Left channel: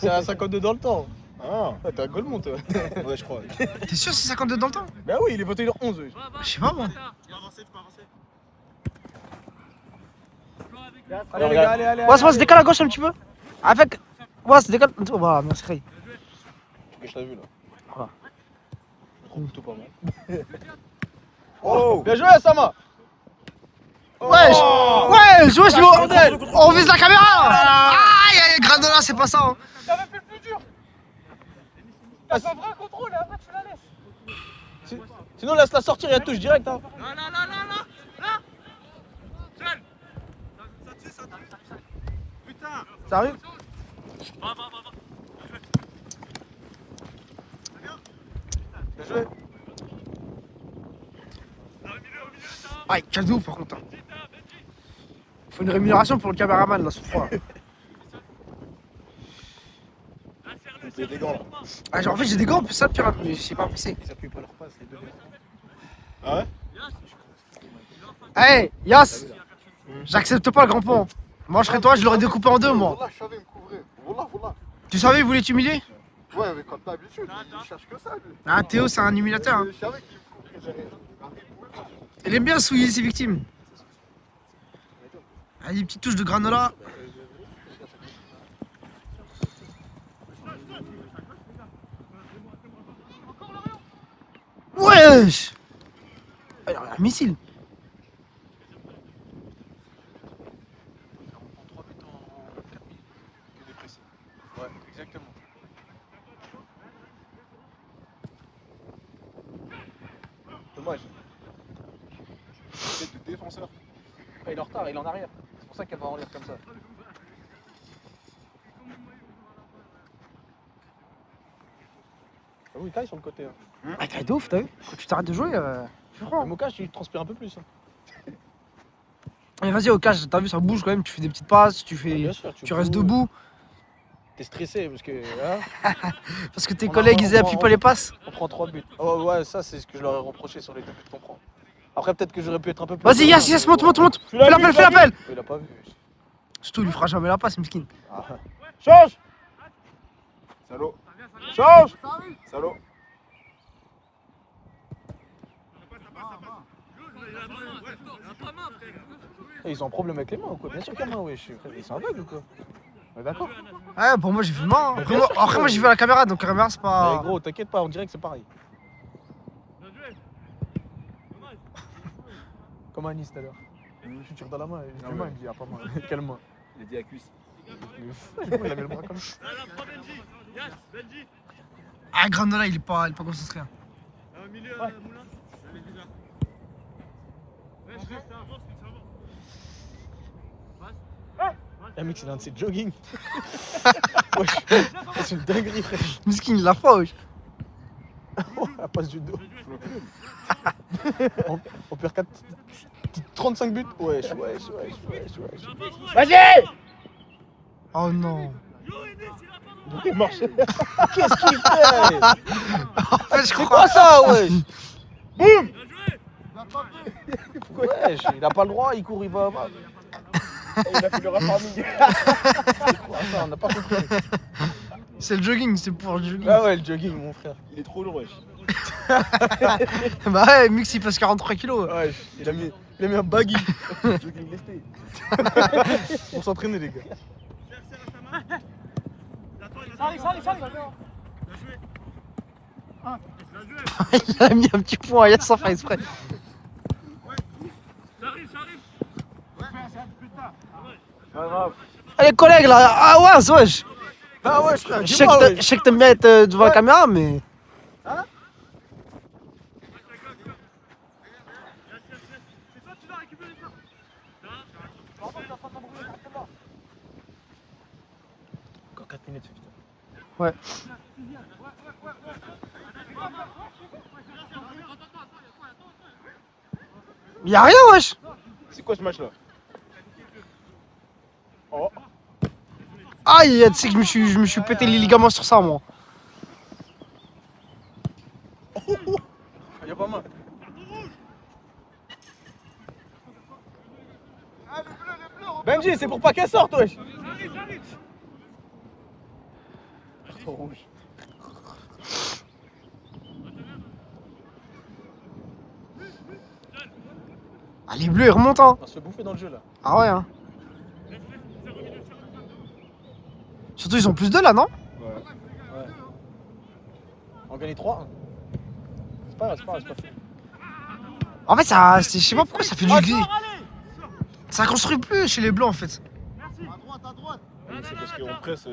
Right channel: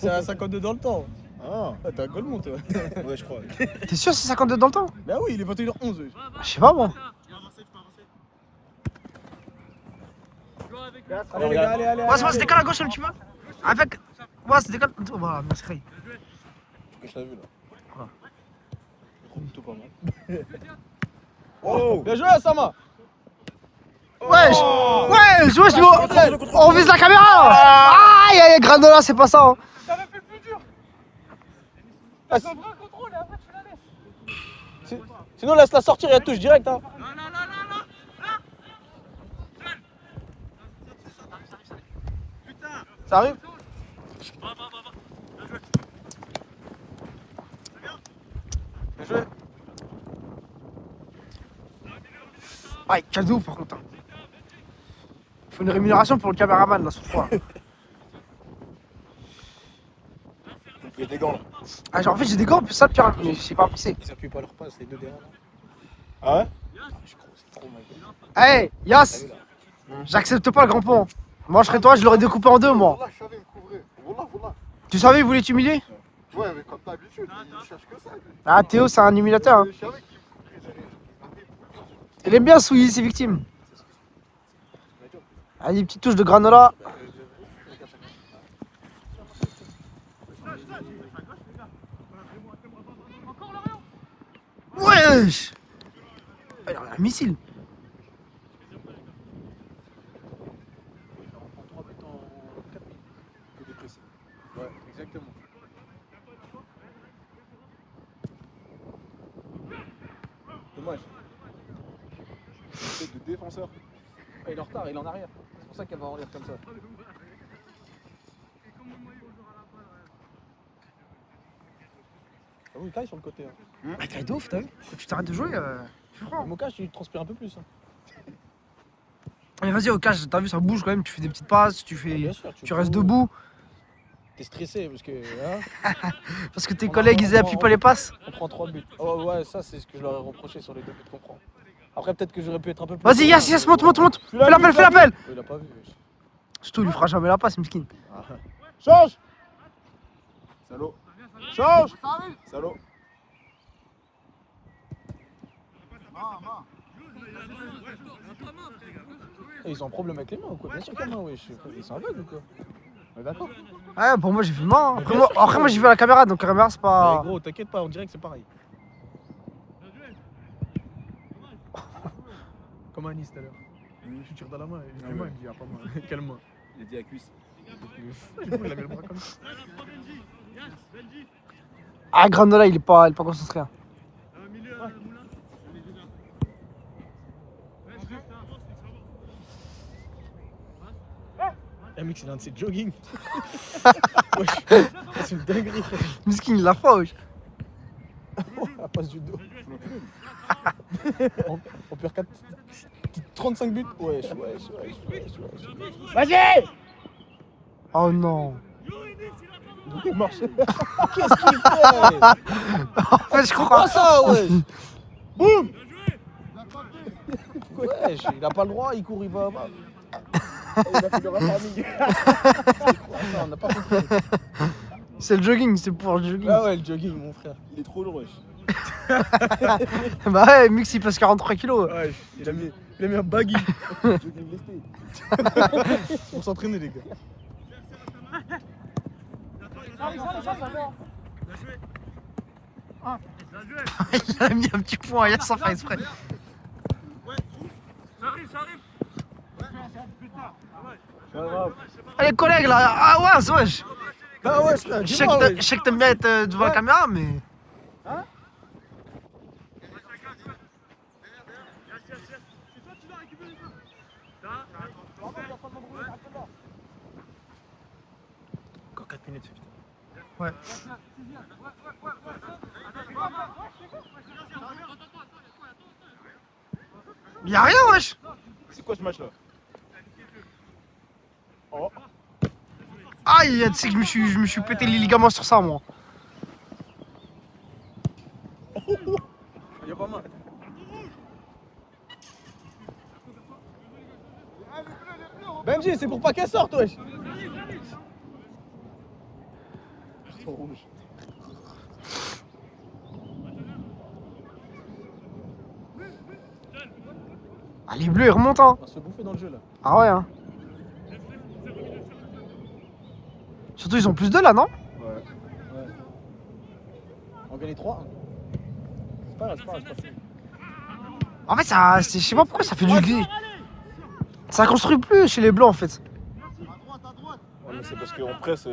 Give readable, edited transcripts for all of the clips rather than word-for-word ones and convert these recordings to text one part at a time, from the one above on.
C'est à 52 dans le temps. Ah, t'es un Goldmont, toi. Ouais, je crois. T'es sûr c'est 52 dans le temps? Bah oui, il est voté 11. Oui. Je sais pas moi. Allez, les gars, allez. Ouais, se décale à gauche un petit peu. Avec. Ouais, se décale. Voilà, merci Ray. Tu gâches la vue là. Voilà. Plutôt pas mal. Oh! Bien joué, Sama! Wesh! Wesh, on vise la caméra! Aïe, aïe, Granola, c'est pas ça. Hein. Ça m'a fait le plus dur. C'est un vrai contrôle, après tu la laisses. Sinon, laisse-la sortir et elle touche direct. Hein. Non. Seul. Putain. Ça arrive? Va. Bien joué. Aïe, cadeau par contre. Hein. Faut une rémunération pour le caméraman là, ce froid. J'ai des gants là. Ah, genre, en fait, j'ai des gants, plus ça, pire, mais je sais pas passer. Ils appuient pas leur passe, les deux derrière. Ah ouais? Hey, Yas! J'accepte pas le grand pont. Moi, je serais toi, je l'aurais découpé en deux, moi. Wallah, je savais me couvrir. Wallah. Tu savais, il voulait t'humilier? Ouais, mais comme d'habitude, il cherche que ça, lui. Ah, Théo, c'est un humiliateur. Hein. Je savais qu'il me couvrait derrière. Il aime bien souiller ses victimes. Ah, des petites touches de granola. Wesh! Alors, un missile. Ouais, exactement. Dommage. Tête de défenseur. Ah, il est en retard, il est en arrière. C'est pour ça qu'elle va en l'air comme ça. Ah oui, taille sur le côté. Hein. Ah, t'es de ouf, t'as vu? Quand tu t'arrêtes de jouer, je crois. Le mocage, tu transpires un peu plus. Hein. Mais vas-y, au cash, t'as vu, ça bouge quand même. Tu fais des petites passes, tu Bien sûr, tu restes debout. T'es stressé parce que. Ouais, Parce que tes collègues, ils appuient pas les passes. on prend 3 buts. Oh, ouais, ça, c'est ce que je leur ai reproché sur les 2 buts qu'on prend. Après, peut-être que j'aurais pu être un peu plus. Vas-y, Yass, monte. Fais l'appel. Il a pas vu. Surtout, il lui fera jamais la passe, miskin. Ah. Change! Salaud! Change! Salaud! Ils ont un problème avec les mains ou quoi? Bien sûr qu'il y a main, wesh. C'est un bug ou quoi? Ouais, d'accord. Ouais, pour moi, j'ai vu main. Hein. Après, moi, j'ai vu à la caméra, donc la caméra, c'est pas. Mais gros, t'inquiète pas, on dirait que c'est pareil. Comme Anis tout à l'heure. Tu tires dans la main, il dit main, il me dit ah pas main. Quelle main? Il a dit à cuisse. Il a mis le bras comme ça. Ah, Granola, il est pas concentré. Hein. Eh mec, c'est dans de ses jogging. Wesh, c'est une dinguerie. Miskin, il l'a pas, wesh. La passe du dos. On perd 35 buts. Wesh. Vas-y! Oh non. Il marche. Qu'est-ce qu'il fait? En fait, je crois. Quoi ça, wesh? Boum! Wesh, il a pas le droit, il court, il va. Il a fait le raffarming. On a pas compris. C'est le jogging, c'est pour le jogging. Ah ouais, le jogging, mon frère. Il est trop lourd, wesh. Bah ouais, Mix, il pèse 43 kilos. Ouais, il a mis un baggy. Jogging lesté. Pour s'entraîner, les gars. Il a mis un petit point à Yass sans faire exprès. Ça arrive. Pas grave. Ah, les collègues là, ah ouais, wesh. Ah ouais, frère. Je sais que t'aimes bien être devant la caméra, mais. Encore 4 minutes. Ouais. Y'a rien, wesh. C'est quoi ce match là? Oh. Aïe, tu sais que je me suis pété les ligaments sur ça, moi. Y'a pas mal. Benji, c'est pour pas qu'elle sorte, wesh. carton rouge. Ah, les bleus, ils remontent, hein. On va se bouffer dans le jeu là. Ah ouais, hein. Surtout, ils ont plus de là, non? Ouais. On gagne 3. C'est pas grave, c'est pas grave, c'est pas grave. En fait, ça, je sais pas pourquoi ça fait du gris. Ça construit plus chez les blancs, en fait. Ouais, mais c'est parce qu'on presse.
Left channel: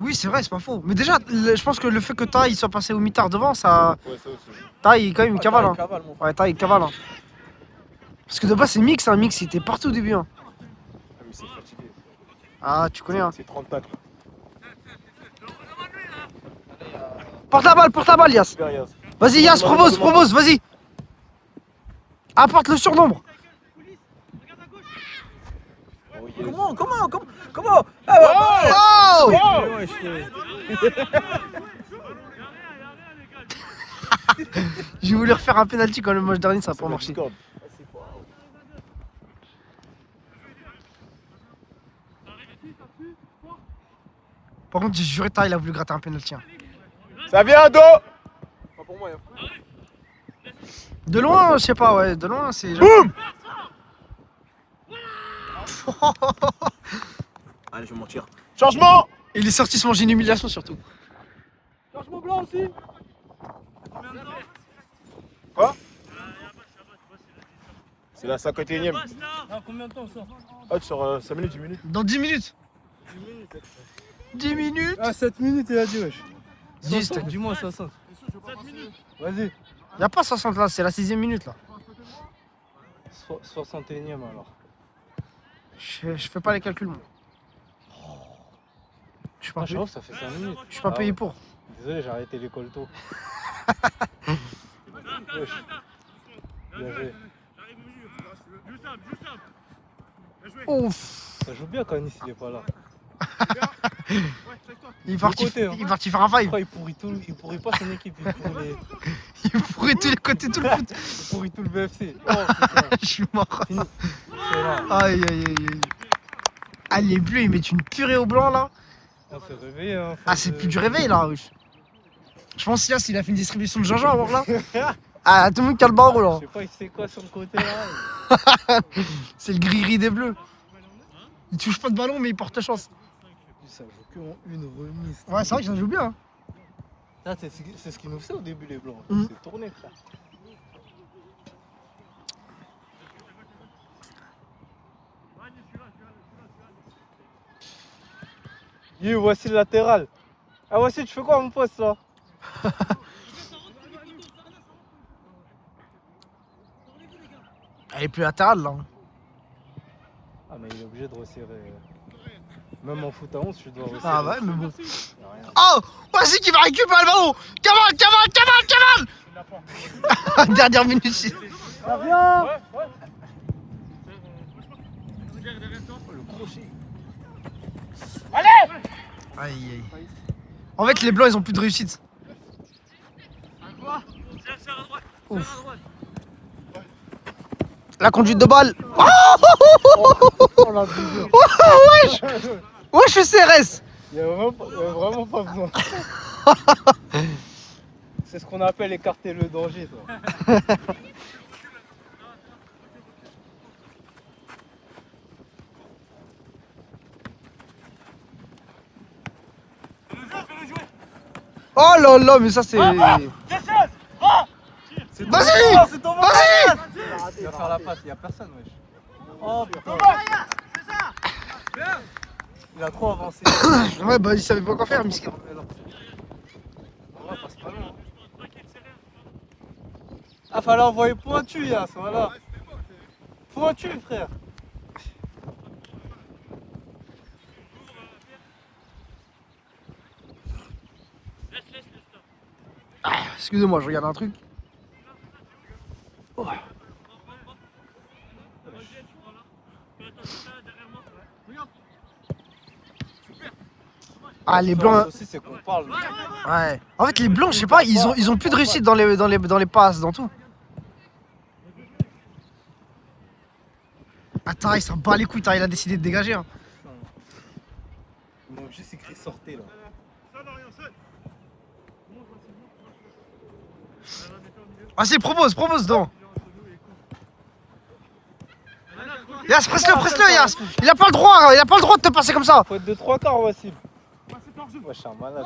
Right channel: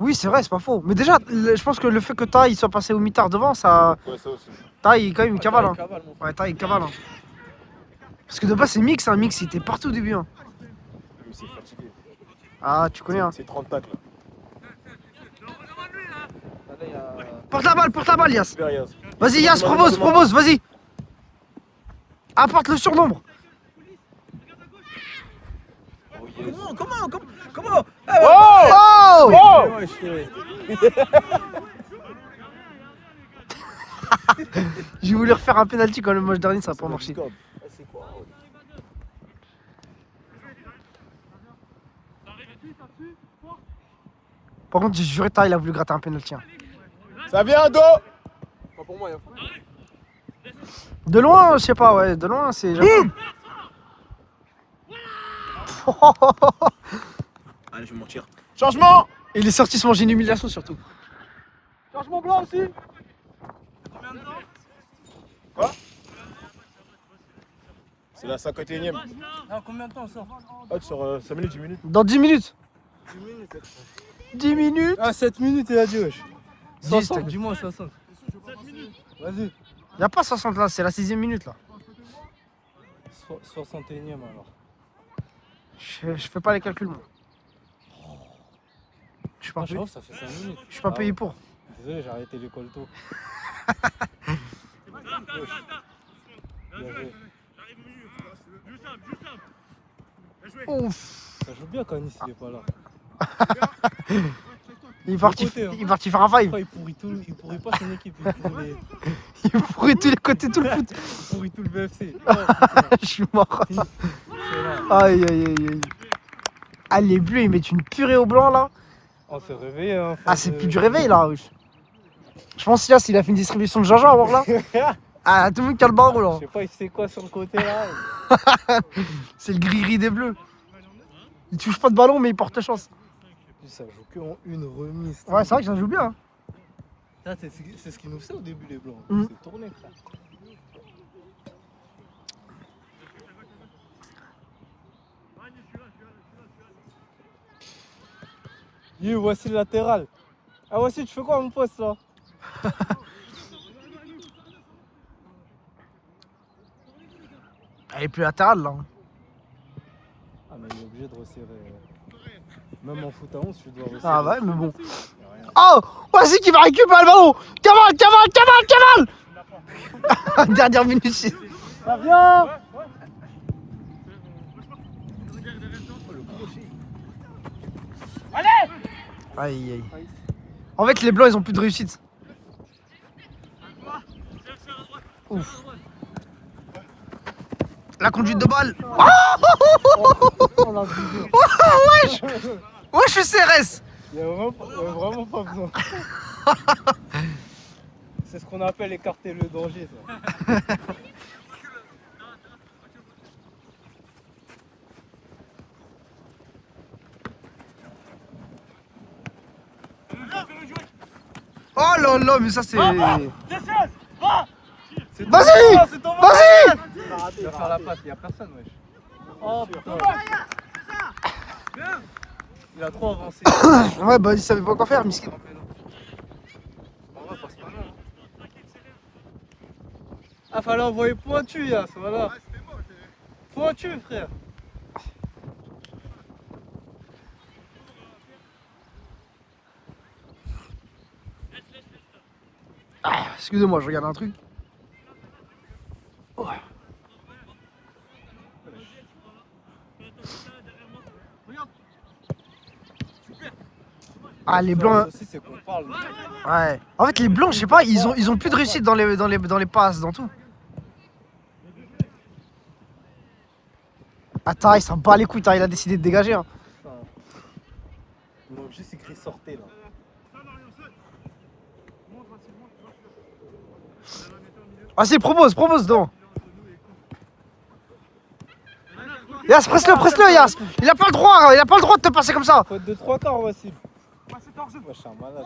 Oui, c'est vrai, c'est pas faux. Mais déjà, je pense que le fait que Taï soit passé au mitard devant, ça. Ouais, ça aussi. Taï, quand même, il cavale, hein. Cavale, mon frère. Ouais, Taï, il cavale, hein. Parce que de base, c'est mix, hein. Mix, il était partout au début, hein. Ah, mais c'est fatigué. Ah, tu connais, hein. C'est 30 tacles là. Porte la balle, Yas. Super Yas. Vas-y, Yas, propose, vas-y. Apporte le surnombre. Comment Oh! Ouais, je J'ai voulu refaire un penalty quand le match dernier, ça n'a pas marché. Par contre, j'ai juré, Taï, il a voulu gratter un penalty. Hein. Ça vient, dos. Pas pour moi, hein. De loin, je sais pas, ouais, de loin, c'est. Allez, je vais mentir. Changement. Il est sorti se manger une humiliation surtout. Changement blanc aussi. Quoi? C'est la 51ème. Ah, combien de temps on sort? Ah, tu sors 5 minutes, 10 minutes. Dans 10 minutes. 10 minutes. Ah, 7 minutes, il a dit, wesh. 10, 60, dis-moi 60. 7 minutes. Vas-y. Y'a pas 60 là, c'est la 6ème minute là. 61ème alors. Je fais pas les calculs moi. Je suis pas Ah, je payé. trouve que ça fait 5 minutes. Je suis pas payé pour. Désolé, j'ai arrêté l'école tôt. Wesh. Bien joué. Ouf. Ça joue bien quand Nice il est pas là. Il est parti, côté, hein. il est parti faire un five. Pourquoi il pourrit pas son équipe, Il pourrait tous les côtés tout le foot. il pourrit tout le BFC. Oh, putain. Je suis mort. C'est là. Aïe aïe aïe aïe. Ah les bleus ils mettent une purée au blanc là. On s'est réveillé. Hein, Ah c'est plus du réveil là. Wesh. Je pense que là s'il a fait une distribution de Jean-Jean alors là. Ah tout le monde qui a le barreau là. Je sais pas, il sait quoi sur le côté là. C'est le gris-gris des bleus. Il touche pas de ballon mais il porte chance. Ça joue que en une remise. Ouais c'est vrai que ça joue bien. Hein. Ah, c'est ce qu'ils nous faisaient au début les blancs. Mm. C'est tourné frère. Voici le latéral. Ah voici, tu fais quoi mon poste là? Elle est plus latérale là. Ah mais il est obligé de resserrer. Même en foot à 11, tu dois resserrer. Ah ouais mais bon. Oh voici qui va récupérer le ballon. Cavale. Dernière minute. Ça vient. Aïe aïe. En fait les blancs ils ont plus de réussite. Ouf. La conduite de balle. On l'a vu. Wesh. Wesh je suis CRS. Il y a vraiment pas besoin. C'est ce qu'on appelle écarter le danger ça. Oh là là mais ça c'est. Vas-y. C'est Vas-y. Il va faire la passe, il n'y a personne wesh. Oh putain. Il a trop avancé. Ouais bah il savait pas quoi faire miskin. Ah fallait envoyer pointu Yas, voilà. Pointu frère. Ah, excusez-moi je regarde un truc. Oh. Ah les blancs. Aussi, c'est qu'on parle. Ouais. En fait les blancs je sais pas ils ont plus de réussite dans les passes dans tout. Attends il s'en bat les couilles, il a décidé de dégager. Hein. Ils m'ont juste écrit sortez là. Vas-y, propose devant. Yas, presse-le, Yas. Il a pas le droit de te passer comme ça. Faute de 3 quarts, Wassim. Ouais, je suis un malade.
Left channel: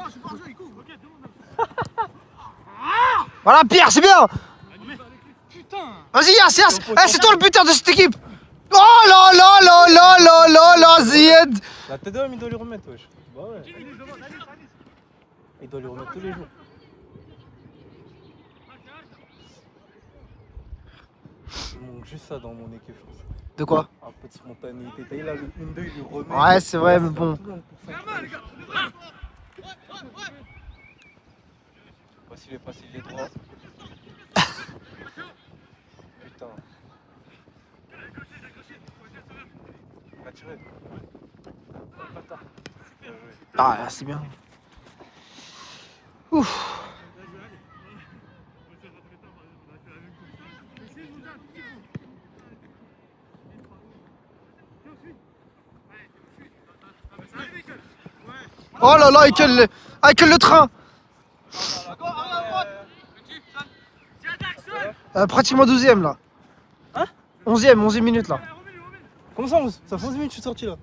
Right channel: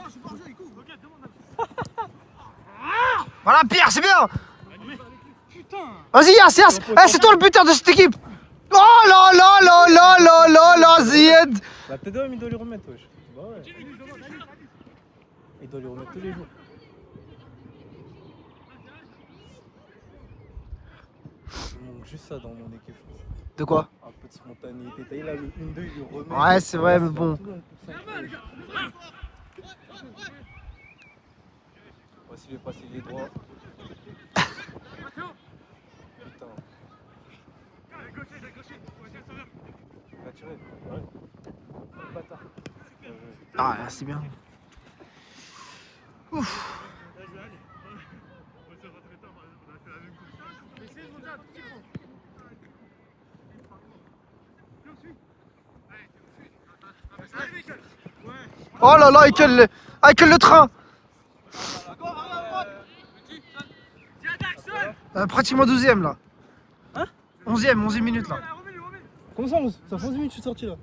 Voilà, Pierre, c'est bien. Vas-y, Yas. Eh, c'est toi le buteur de cette équipe. Oh là là, Zied. La tête d'homme, il doit lui remettre, wesh. Bah ouais. Il doit lui remettre tous les jours. Il manque juste ça dans mon équipe. De quoi? Un peu de spontanéité. T'as eu là le 1-2, il lui remet. Ouais, c'est vrai, mais bon. Voici les passes, il est droit. Putain. Va tirer. Bâtard. Ah, c'est bien. Ouf. Oh là là, Michael le train. Pratiquement 12ème là. Hein? 11ème minute là. Comment ça, 11? Ça fait 11 minutes que je suis sorti là.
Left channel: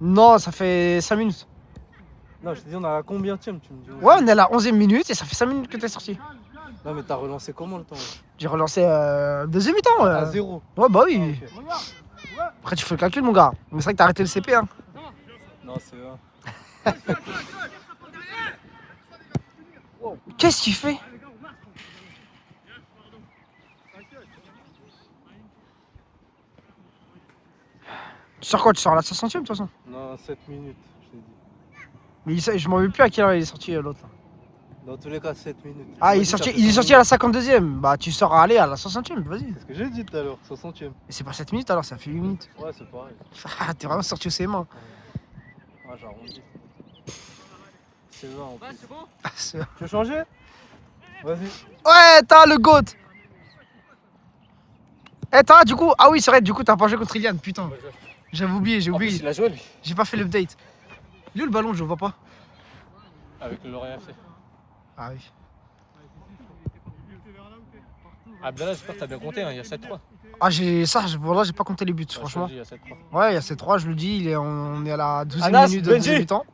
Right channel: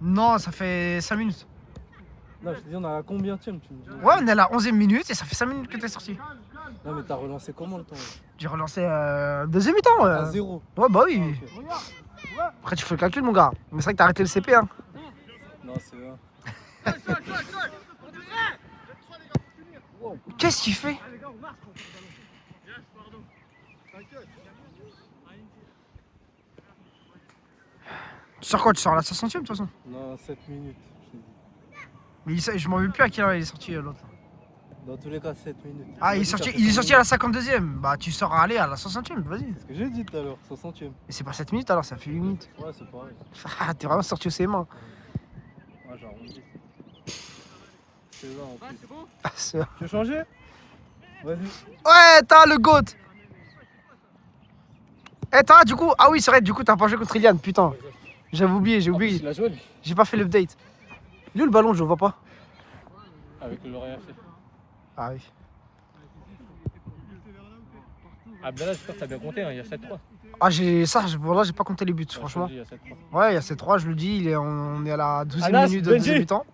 Non, ça fait 5 minutes. Non, je te dis, on a combien tu me dis? Ouais, on est à la 11ème minute et ça fait 5 minutes que t'es sorti. Non, mais t'as relancé comment le temps? J'ai relancé deuxième mi-temps. À 0. Ouais, bah oui. Ok. Après, tu fais le calcul, mon gars. Mais c'est vrai que t'as arrêté le CP, hein. Non, c'est bien. Qu'est-ce qu'il fait? Tu sors quoi? Tu sors à la 60ème de toute façon? Non, 7 minutes, je te dis. Mais je m'en veux plus à quelle heure il est sorti l'autre. Là. Dans tous les cas, 7 minutes. Ah, il est sorti à la 52ème. Bah, tu sors à aller à la 60ème, vas-y. C'est ce que j'ai dit tout à l'heure, 60ème. Mais c'est pas 7 minutes alors, ça fait 8 minutes. Ouais, c'est pareil. Ah, t'es vraiment sorti au CM1. Ouais, j'ai arrondi. C'est ça en plus. Ah, c'est- Tu veux changer? Vas-y. Ouais, t'as le GOAT. Eh, t'as du coup. Ah oui, c'est vrai, du coup, t'as pas joué contre Ilian, putain. J'avais oublié, Il a joué lui. J'ai pas fait l'update. Lui, le ballon, je le vois pas. Avec le Lorient FC. Ah oui. Ah ben là, j'espère que t'as bien compté, hein. Il y a 7-3. Ah, voilà, j'ai pas compté les buts, franchement. Il y a 7-3. Ouais, il y a ces 3, je le dis, on est à la 12ème Anas, minute de Benji. deuxième mi-temps.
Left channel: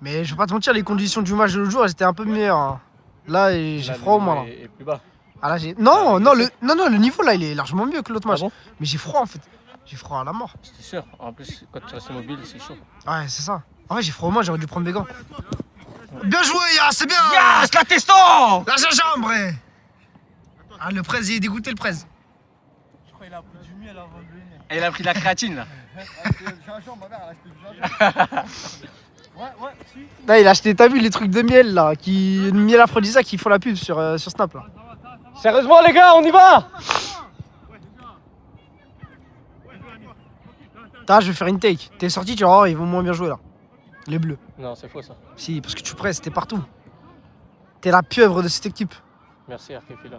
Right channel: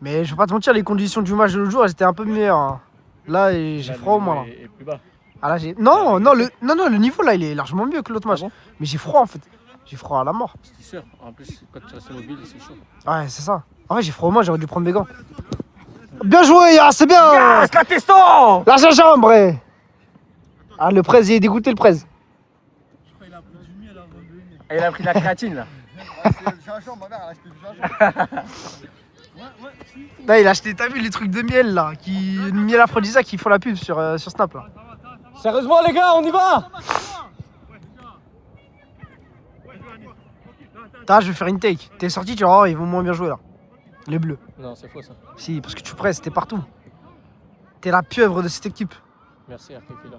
Mais je vais pas te mentir, les conditions du match de l'autre jour, elles étaient un peu meilleures. Hein. Là, j'ai froid au moins là. Et plus bas. Ah là, le niveau là, il est largement mieux que l'autre match. Mais j'ai froid en fait. J'ai froid à la mort. C'est sûr. En plus, quand tu restes mobile, c'est chaud. Ouais, c'est ça. En fait, j'ai froid au moins, j'aurais dû prendre des gants. Bien joué, c'est bien. Yes, la teston. La gingembre. Ah, le presse, il est dégoûté le presse. Je crois qu'il a pris du miel avant de venir. Et il a pris de la créatine là. Ah, c'est le gingembre, ma mère, elle a acheté du gingembre. Ouais, si. Là, il a acheté, t'as vu les trucs de miel là, miel aphrodisiaque qui font la pub sur Snap là. Sérieusement, les gars, on y va. Là, je vais faire une take. T'es sorti, tu vas voir, ils vont moins bien jouer là. Les bleus. Non, c'est faux ça. Si, parce que tu presses, t'es partout. T'es la pieuvre de cette équipe. Merci, Arképhila.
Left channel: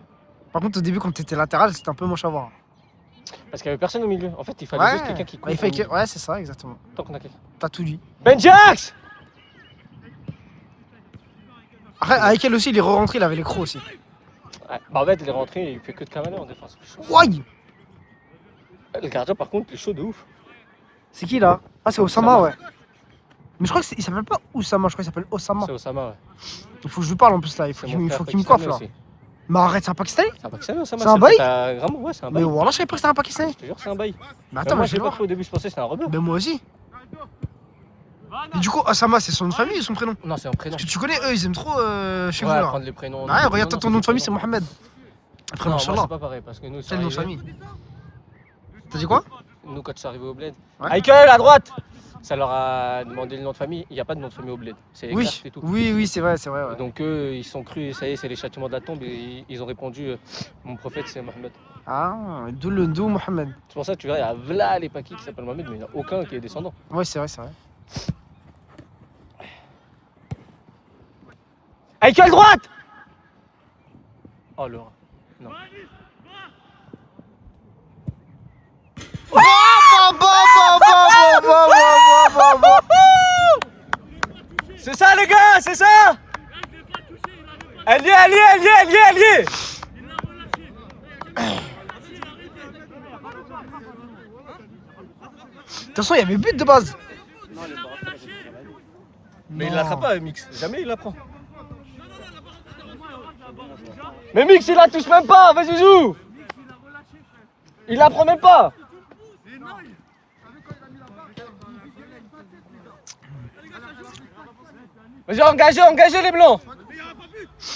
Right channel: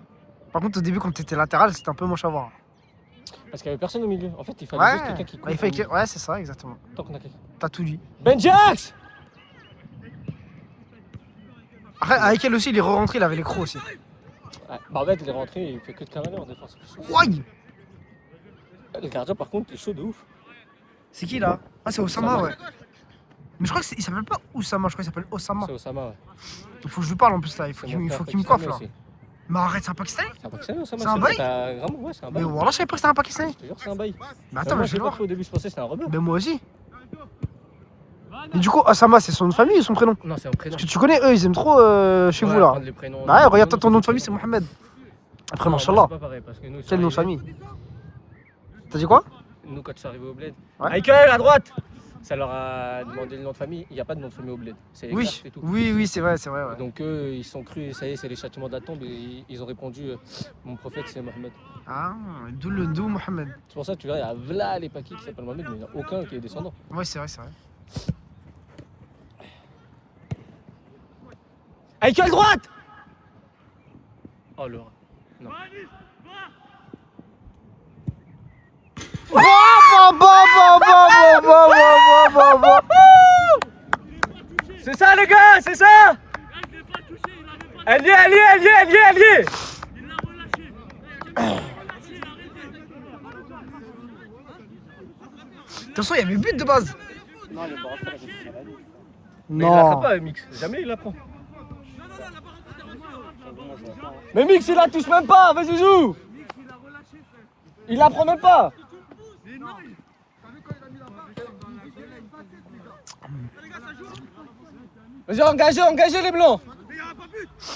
Par contre, au début, quand t'étais latéral, c'était un peu moche à voir. Parce qu'il n'y avait personne au milieu. En fait, il fallait juste quelqu'un qui court. Ouais, c'est ça, exactement. Tant qu'on a quelqu'un. T'as tout dit. Benjax. Après, avec elle aussi, il est re-rentré, il avait les crocs aussi. Ouais, bah en fait, il est rentré, il fait que de cavaler en défense. Ouais. Le gardien, par contre, il est chaud de ouf. C'est qui là? Ah, c'est Osama, ouais. Mais je crois qu'il s'appelle pas Osama, je crois qu'il s'appelle Osama. C'est Osama, ouais. Il faut que je lui parle en plus là, il faut qu'il me coiffe là. Aussi. Mais arrête, c'est un Pakistanais? C'est un Pakistanais, Osama. C'est un bail? Vraiment, ouais, c'est un bail. Mais voilà, je savais pas que c'était un Pakistanais. Je te jure, c'est un bail. Mais attends, mais je vais le voir. Au début, je pensais que c'était un rebeu. Mais moi aussi. Et du coup, Osama, c'est son nom de famille ou son prénom? Non, c'est un prénom. Parce que tu connais, eux, ils aiment trop chez vous là. Les prénoms. Bah ouais, regarde, ton nom de famille, c'est Mohamed. Après, machallah. C'est pas pareil parce que nous. Quel nom de famille? T'as dit quoi? Nous, quand c'est arrivé au bled. Ouais. Michael, à droite. Ça leur a demandé le nom de famille. Il n'y a pas de nom de famille au bled. C'est Oui, Karch et tout. oui, c'est vrai, ouais. Donc eux, ils se sont crus, ça y est, c'est les châtiments de la tombe et ils ont répondu mon prophète c'est Mohamed. Ah, d'où Mohamed. C'est pour ça que tu vois, il y a Vla les Pakis qui s'appellent Mohamed, mais il n'y en a aucun qui est descendant. Ouais, c'est vrai. Michael droite. Oh, Laura. Non. Elle y est. De toute façon, il y avait but de base. Mais il l'attrape pas, Mix. Jamais il la prend. Mais Mix, il la touche même pas. Vas-y, joue. Il la prend même pas. Vas-y, engagez les blancs.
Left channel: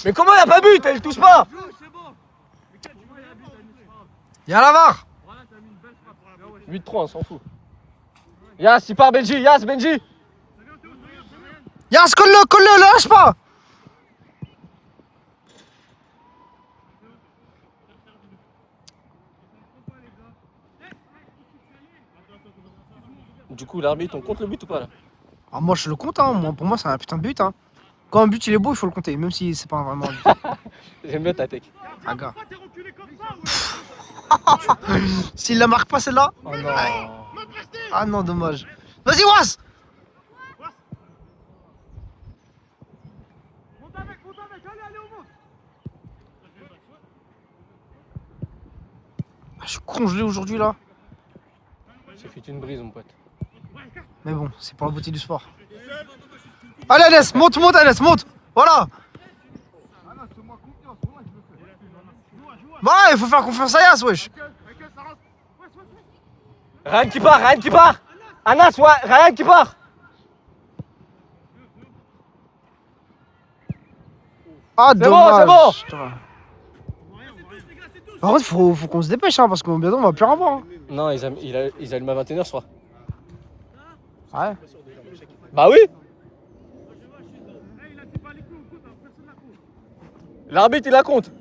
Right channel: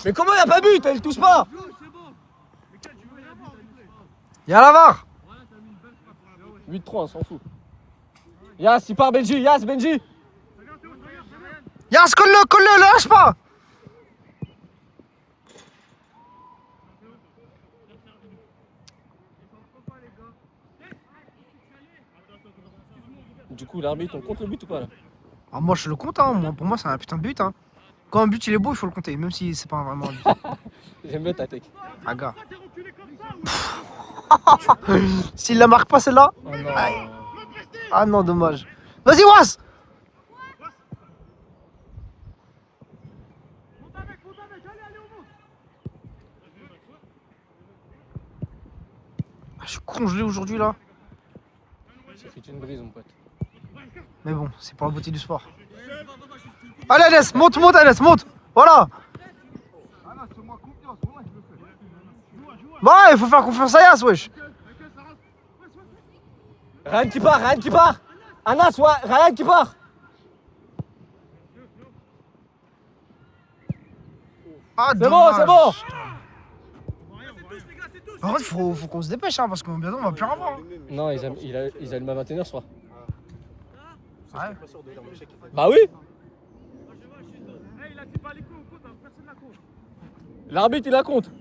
Mais comment il n'y a pas but? Elle touche pas. Il y a la VAR. 8-3, on s'en fout. Yas, il part Benji. Yas, Benji. Yas, colle-le, lâche pas. Du coup, l'arbitre, on compte le but ou pas là? Ah, moi, je le compte, hein. Pour moi, c'est un putain de but. Hein. Quand un but il est beau, il faut le compter, même si c'est pas vraiment un but. J'aime bien ta tech. Ah, gars. S'il la marque pas celle-là. Oh non. Aïe. Ah non, dommage. Vas-y, Was. Ah, je suis congelé aujourd'hui là. Ça fait une brise, mon pote. Mais bon, c'est pour la beauté du sport. Allez, Alès, monte, Alès, monte. Voilà. Bah, il faut faire confiance à Yas, wesh. Ryan qui part. Anas, ouais, Ryan qui part. Ah, C'est bon, dommage. c'est bon. Putain. Par contre, faut qu'on se dépêche, hein, parce que bientôt on va plus en avoir. Hein. Non, ils allument à 21h, je crois. Ouais. Bah oui. L'arbitre, il la compte.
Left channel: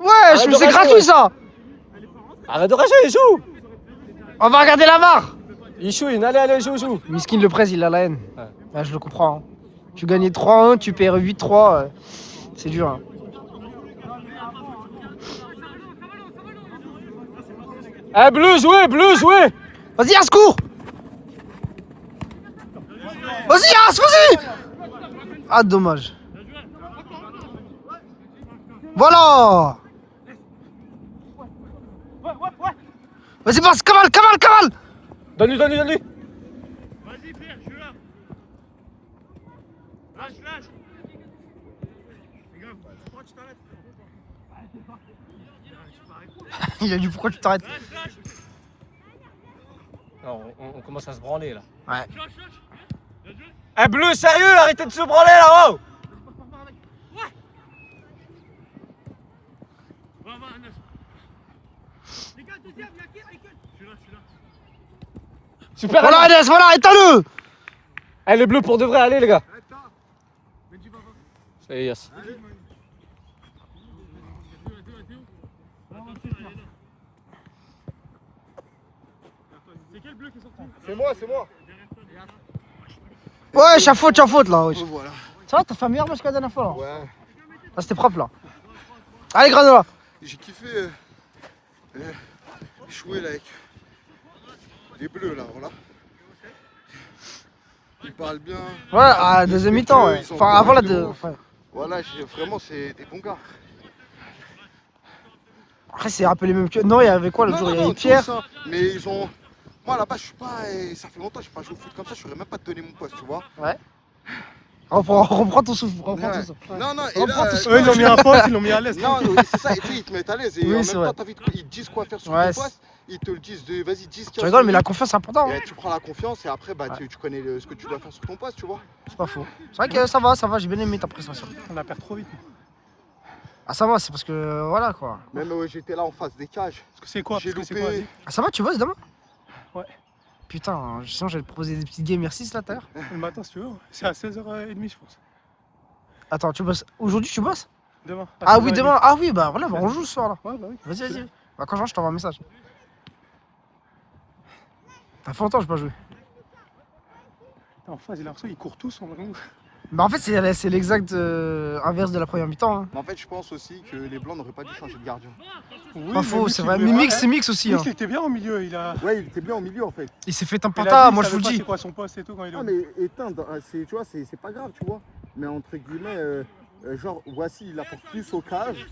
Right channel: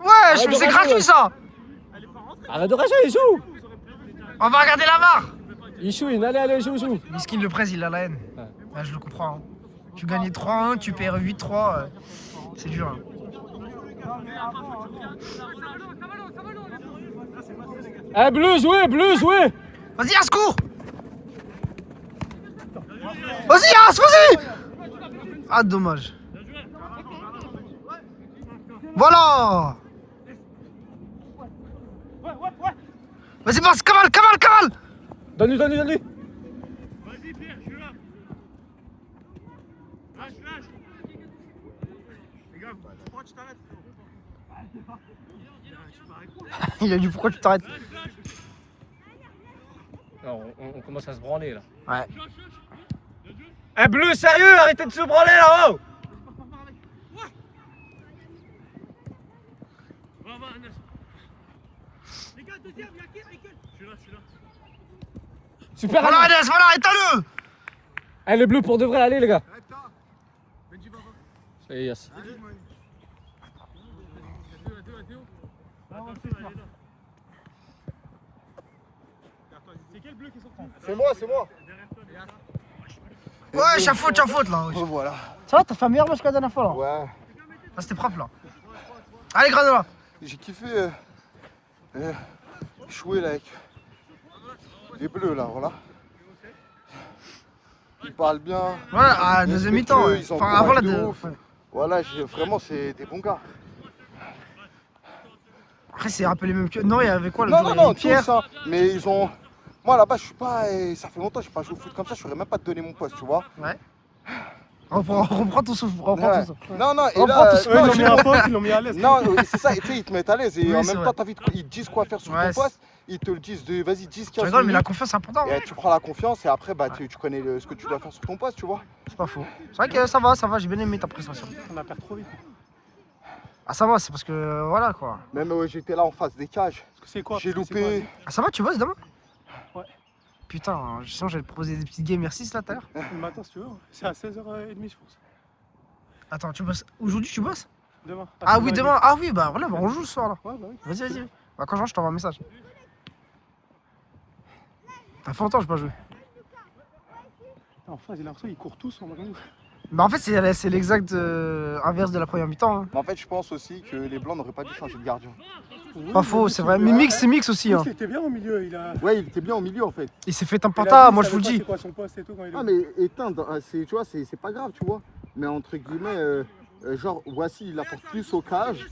Ouais, je me c'est gratuit ça. Arrête de rager, il joue. On va regarder la VAR. Il chouine, allez, joue. Miskin le presse, il a la haine. Ouais. Ouais, je le comprends. Hein. Tu gagnais 3-1, tu perds 8-3. C'est dur. Hein. Eh, bleu, jouez. Vas-y, Yas, cours. Vas-y, Yas, vas-y. Ah, dommage. Voilà. Vas-y, passe, cavale. Donne-lui. Vas-y, Pierre, je suis là. Lâche. Les gars, pourquoi tu t'arrêtes? Il a dit pourquoi tu t'arrêtes. Non, on commence à se branler là. Ouais. Eh, bleu, sérieux, arrêtez de se branler là-haut. Va, Anas. Les gars, deuxième, il y a qui? Je suis là. Super. Voilà, Alès, voilà, éteins-le. Eh, les bleus pour de vrai, allez les gars. Ça y est, Yas. C'est quel bleu qui est sorti? C'est moi. Ouais, j'ai faute là. Wesh. Voilà. Ça va, t'as fait un meilleur match que la dernière fois là. Ouais. Ah, c'était propre là. Allez, Granola. J'ai kiffé jouer là avec les bleus là, voilà. Ils parlent bien. Ouais, à la deuxième mi-temps. Ouais. Ils ont Enfin, avant la de deux. ouf. Ouais. Voilà, vraiment c'est des bons gars. Après, c'est un peu les mêmes que. Non, il y avait quoi le jour? Il y avait Pierre. tous, hein. Mais ils ont. Moi là-bas, je suis pas. Ça fait longtemps que je n'ai pas joué au foot comme ça, je ne saurais même pas te donner mon poste, tu vois. Ouais. Reprends ton souffle, reprends ton souffle. Non, et Reprends là, tout ce que- Eux, ils l'ont mis à poste, ils l'ont mis à l'aise. non, c'est ça, tu sais, ils te mettent à l'aise et Oui, en c'est même vrai. temps, ils te disent quoi faire sur Ouais, ton poste, ils te le disent de vas-y, 10, 15 Tu rigoles, mais la minutes, confiance c'est important. Hein. et tu prends la confiance et après, bah, tu connais ce que tu dois faire sur ton poste, tu vois. C'est pas faux. C'est vrai que ça va, j'ai bien aimé ta prestation. On la perd trop vite. Ah, ça va, c'est parce que voilà quoi. Même j'étais là en face des cages, Parce que c'est quoi? j'ai Parce que c'est quoi, loupé. Ah, ça va, tu bosses demain? Ouais. Putain, sinon j'allais te proposer des petites games R6 là tout à l'heure. Le matin, si tu veux. C'est à 16h30, je pense. Attends, tu bosses. Aujourd'hui tu bosses? Demain. Ah oui, demain. Ah oui, bah voilà, bah, on joue ce soir là. Ouais, bah oui. Vas-y. Bah, quand je rentre, je t'envoie un message. Ça fait longtemps que j'ai pas joué. En phase, il a l'impression qu'ils courent tous en nous. Bah, en fait, c'est l'exact inverse de la première mi-temps. Hein. Mais en fait, je pense aussi que les Blancs n'auraient pas dû changer de gardien. Pas faux, c'est vrai. Mais mix, c'est mix aussi. Hein. Il était bien au milieu, il a. Ouais, il était bien au milieu en fait. Il s'est fait un il a pata, dit, moi il je vous le savait dis. pas C'est quoi son poste et tout quand il est. Ah, mais éteindre, tu vois, c'est pas grave, tu vois. mais entre guillemets, genre, voici, il apporte plus au cage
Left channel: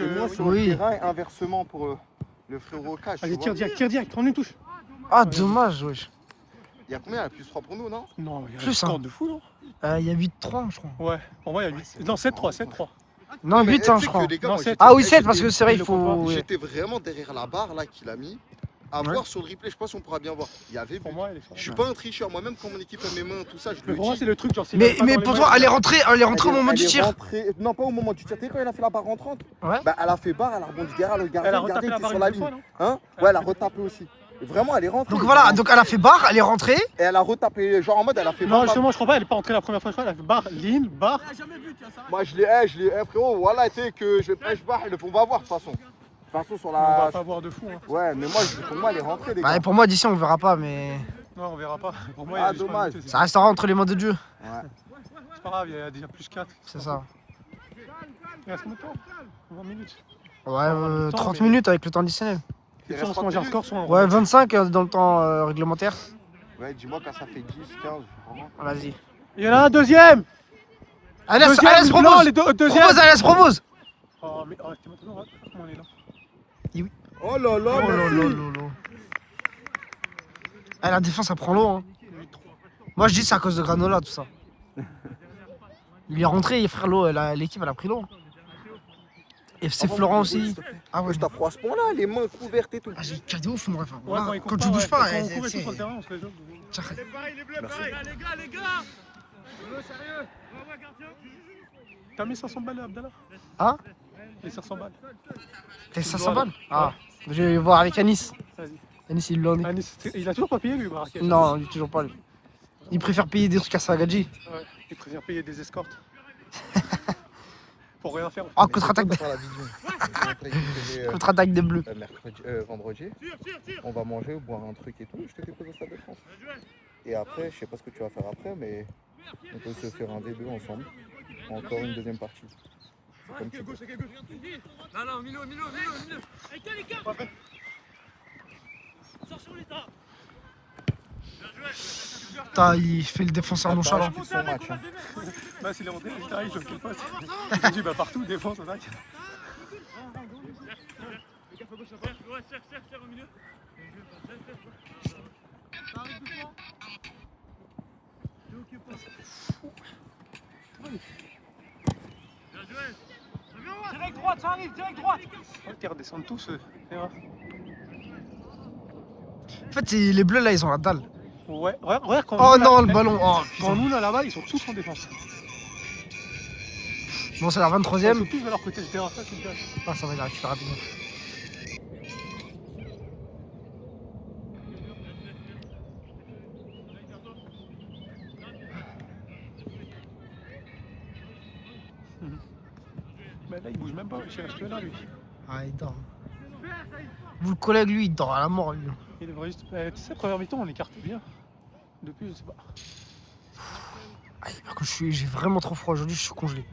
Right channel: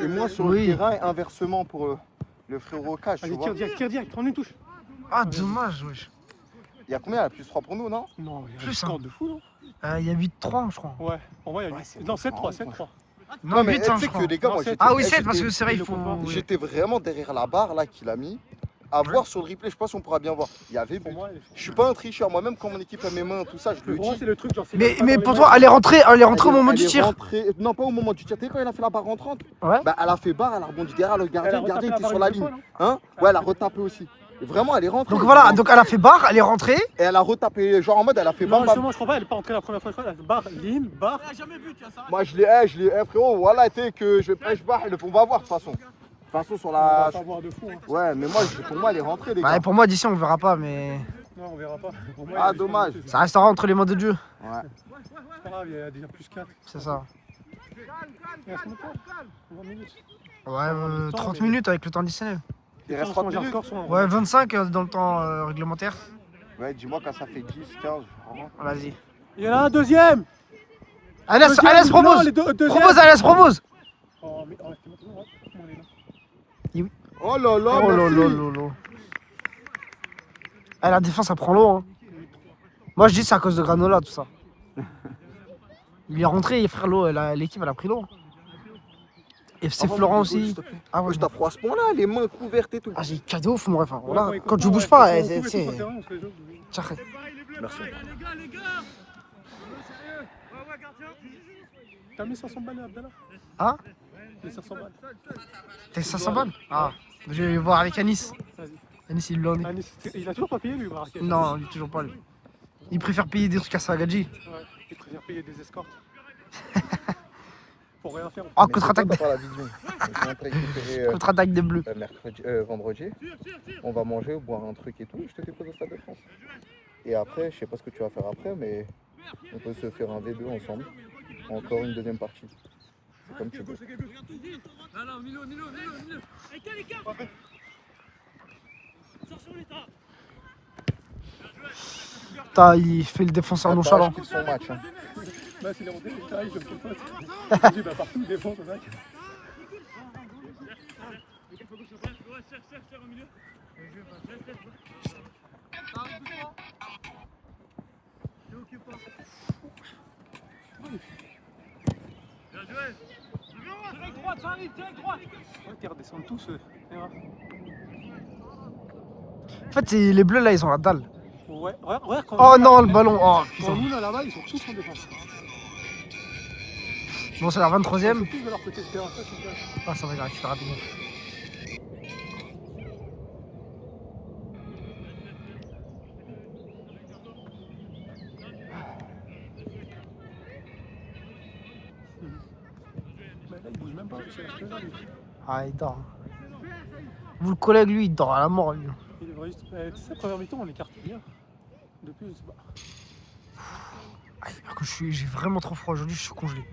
et moins sur Oui. le terrain, et inversement pour le frérot au cage. Allez, tu vois. tire direct, prends une touche. Ah, dommage, wesh. Il y a combien? Il y a plus 3 pour nous, non? Non, il y a Plus, un score hein. de fou, non? Il y a 8-3, je crois. Ouais, pour moi, il y a 8. Non, 7-3, 7-3. Non, Mais 8, tu sais je que crois. les gars, Non, moi, c'est- j'étais- Ah oui, j'étais- 7, parce que c'est vrai, il faut. ouais. J'étais vraiment derrière la barre là qu'il a mis. À Ouais. voir sur le replay, je sais pas si on pourra bien voir. Il y avait Pour moi, elle est forte. Je suis pas un tricheur, moi-même quand mon équipe a mes mains, tout ça, je Mais le pour moi, dis. c'est le truc, genre, s'il Mais, va pas mais dans pour les toi, mains, elle est rentrée au moment Elle du est tir. rentrée- Non, pas au moment du tir. Tu sais quand elle a fait la barre rentrante? Ouais. Bah, elle a fait barre, elle a rebondi derrière le Elle gardien, a le retapé gardien la était barre sur la une fois, ligne. non? Hein? Ouais, elle a retapé aussi. Et vraiment, elle est rentrée. Donc voilà, donc elle a fait barre, elle est rentrée. Et elle a retapé, genre en mode, elle a fait Non, barre. justement, je crois pas, elle est pas entrée la première fois, je crois, elle a fait barre, ligne, barre. Moi, je l'ai, frérot, voilà, tu sais que je pêche barre, on va voir de toute façon. De toute façon, sur On la. va pas voir de fou. Hein. Ouais, mais moi, pour moi, elle est rentrée, les Bah, gars. pour moi, d'ici, on verra pas, mais Non, on verra pas. Pour moi, Ah, il y a des dommage. choses à ça restera entre les mains de Dieu. Ouais. C'est pas grave, il y a déjà plus 4. C'est ça. Il reste combien de temps 20 minutes. Ouais, 30 minutes avec le temps additionnel. Il Et reste ça, on se 30 mange un minutes. score sur un. Ouais, 25 dans le temps réglementaire. Ouais, dis-moi quand ça fait 10, 15. Vraiment. Vas-y. Il y en a un deuxième. Alès, Deuxième, Alès, non, propose. les deux- deuxième. Propose, Alès, propose. Oh, mais arrêtez maintenant, ouais. Comment on est là? Oh là là, Oh là merci. là là là. Ah, la défense, ça prend l'eau. Hein. Moi, je dis c'est à cause de Granola, tout ça. Il est rentré, frère, l'eau, l'équipe, elle a pris l'eau. Et c'est Ah, Florent bon, aussi. s'il te plaît. Ah ouais, Je t'apprends à ce point-là, les mains couvertes et tout. ah, j'ai cadeau, faut mon ref. Ouais, Voilà. il Quand coupe tu bouges ouais, pas, quand on c'est. coupe et tout sur le terrain, on se les joue. Ça fait. Merci. T'as mis 500 balles là, Abdallah? Hein? Les 500 balles. T'as 500 balles? Ah, je vais voir avec Anis. Vas-y. Anis, il l'en est. Ah, il a toujours pas payé lui, Marrakech. Non, il est toujours pas lui. Il préfère payer des trucs à Sagadji. Ouais, il préfère payer des escortes. Pour rien faire. Oh, contre-attaque Mais c'est pas la vision. Je suis en train de préparer, contre-attaque des Bleus. vendredi, on va manger, boire un truc et tout. Je te dépose au Stade de France. Et après, je sais pas ce que tu vas faire après, mais on peut se faire un V2 ensemble. Encore une deuxième partie. C'est comme tu veux. Putain, il fait le défenseur nonchalant. C'est son match. Hein. Bah, c'est les rentrées, il arrive sur quel poste? Il dit, bah, partout, défense, on a. Direct droite, ça arrive, direct droite. Ouais, qu'ils redescendent tous. En fait, les Bleus là, ils ont la dalle. Ouais, regarde quand. Oh non, le ballon. Oh Quand putain. nous là là-bas, ils sont tous en défense. Bon, c'est la Ils sont 23ème. tous de leur côté de terrain, ça, c'est bien. Ah, ça va, il a récupéré rapidement. Mais là, il bouge même pas, je reste là, lui. Ah, il dort. Vous le collègue, lui, il dort à la mort, lui. Il devrait juste. Tu sais, première mi-temps, on écarte bien. Depuis, je sais pas. Ah, par contre, j'ai vraiment trop froid aujourd'hui, je suis congelé.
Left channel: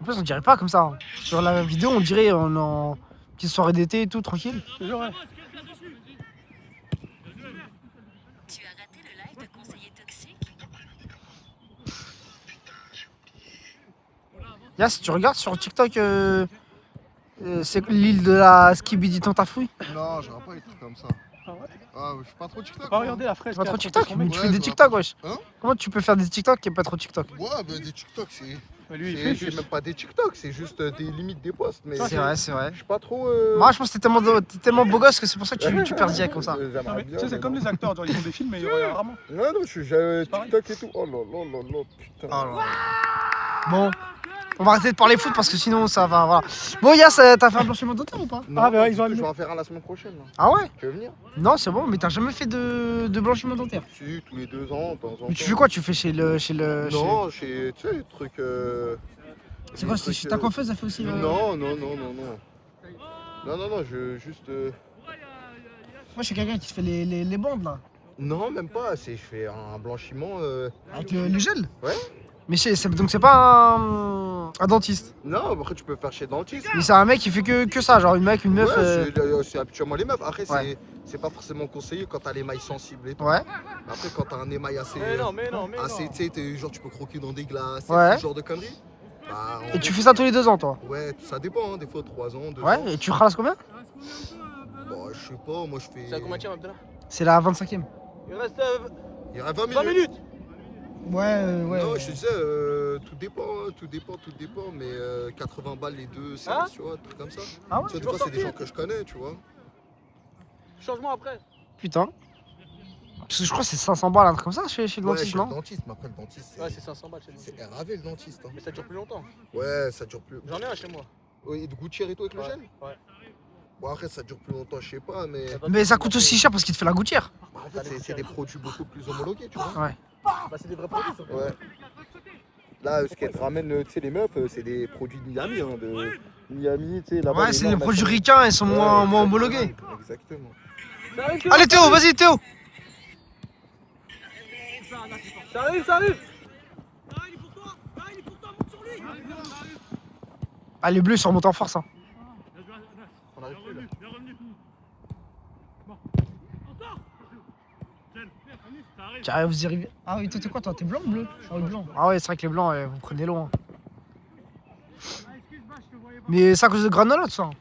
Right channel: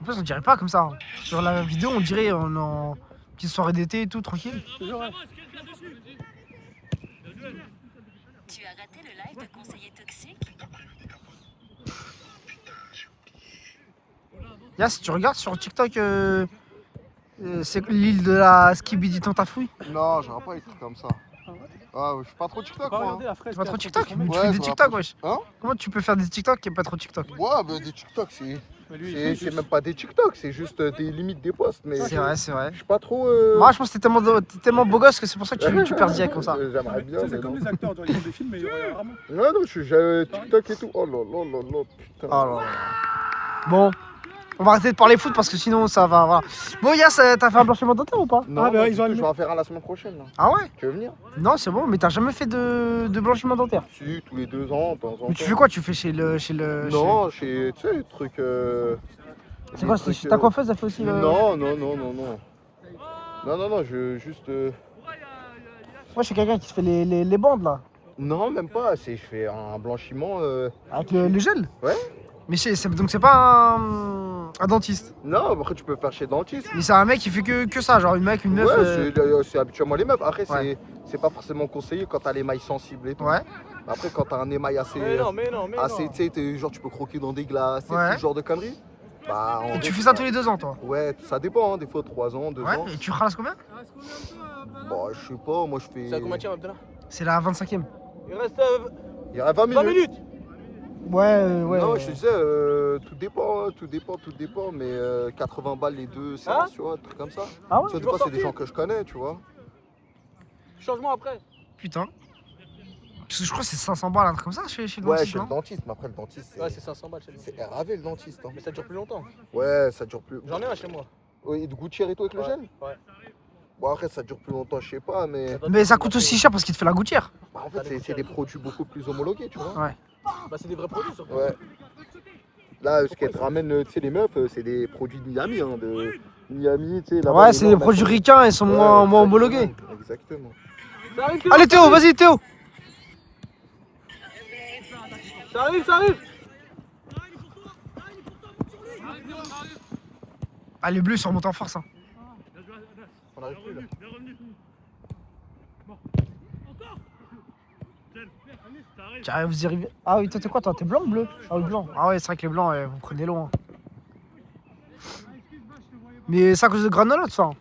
En plus, on dirait pas comme ça. Hein. Sur la vidéo, on dirait on est en petite soirée d'été et tout, tranquille. Je te jure, ouais. Tu as raté le live de conseiller toxique. Yass, tu regardes sur TikTok, c'est l'île de la Skibidi Tantafouille. Non, j'aurais pas les trucs comme ça. Ah ouais. Ah, je suis pas trop TikTok. Pas Moi. regarder la fraise. C'est pas trop qu'il y a TikTok, sur mais son tu Ouais, fais des ça va TikTok, pas. wesh. Hein? Comment tu peux faire des TikTok et pas trop TikTok? Ouais, mais des TikTok, c'est. Mais lui, il fait C'est juste. même pas des TikTok, c'est juste des limites des posts. Mais C'est vrai, c'est vrai. je suis pas trop. Moi, je pense que t'es tellement beau gosse que c'est pour ça que tu perds direct comme ça. J'aimerais bien. Tu sais, c'est mais comme non. les acteurs, genre, ils font des films, mais ils regardent rarement. Non, non, j'ai TikTok et tout. Oh là là là là, putain. Oh là là. Bon, on va arrêter de parler foot parce que sinon ça va. Voilà. Bon, Yass, t'as fait un blanchiment dentaire ou pas? Non, Ah, bah, ils ont je allumé. vais en faire un la semaine prochaine. Là. Ah ouais? Tu veux venir? Non, c'est bon, mais t'as jamais fait de blanchiment dentaire. Si, tous les 2 ans, de temps en temps. Mais tu fais quoi? Tu fais chez le. Non, chez. Tu sais, les trucs. C'est quoi? C'est chez ta coiffeuse, elle fait aussi le. Non, non, non, non, non. Non, non, non, je juste. Moi, je suis quelqu'un qui se fait les bandes là. Non, même pas. Je fais un blanchiment. Avec le gel? Ouais. Mais donc c'est pas un dentiste. Non, après tu peux faire chez le dentiste. Mais c'est un mec qui fait que ça, genre une meuf. Ouais, c'est habituellement les meufs. Après, Ouais. c'est pas forcément conseillé quand t'as l'émail sensible et tout. Ouais. Après, quand t'as un émail assez, tu sais, genre tu peux croquer dans des glaces, Ouais. ce genre de conneries. Bah, Et tu fais ça tous les 2 ans, toi? Ouais, ça dépend, hein, des fois 3 ans, 2 Ouais. ans. Et tu ralasses combien? Bon, je sais pas, moi je C'est à fais. combien de temps, Abdallah? C'est la 25e. Il reste Il y a 20 20 minutes. minutes. Ouais, ouais. Non, ouais. je te disais, tout dépend, mais 80 balles les 2 séances, tu vois, un truc comme ça. Ah ouais? Tu sais, des fois, c'est des gens que je connais, tu vois. Changement après. Putain. Parce que je crois que c'est 500 balles, un truc comme ça chez le Ouais, dentiste, chez le non? dentiste, mais après, le dentiste, Ouais, c'est 500 balles chez nous. c'est RAV le dentiste. Hein. Mais ça dure plus longtemps. Ouais, ça dure plus. J'en ai un chez moi. Oui, de gouttière et tout avec le gel. Ouais. Bon, après, ça dure plus longtemps, je sais pas, mais. Mais ça coûte aussi cher parce qu'il te fait la gouttière. Bah, en fait, c'est des produits beaucoup plus homologués, tu vois. Ouais. Bah, c'est des vrais produits surtout. Ouais. Là, ce qu'elles te ramènent, tu sais, les meufs, c'est des produits de Miami, hein, de Miami, tu sais. là-bas, Ouais, les c'est normes, des produits machin. ricains, ils sont Ouais, moins exactement, homologués. Exactement. Allez Théo, vas-y Théo. Ça arrive, ça arrive. Ah, les bleus ils sont remontés en force. Hein. On arrive plus, là. Tiens, vous y arrivez. Ah oui, toi t'es quoi toi? T'es blanc ou bleu? Ah oui, blanc. Ah ouais, c'est vrai que les blancs, vous prenez loin. Mais c'est à cause de Granola tout ça. Hein.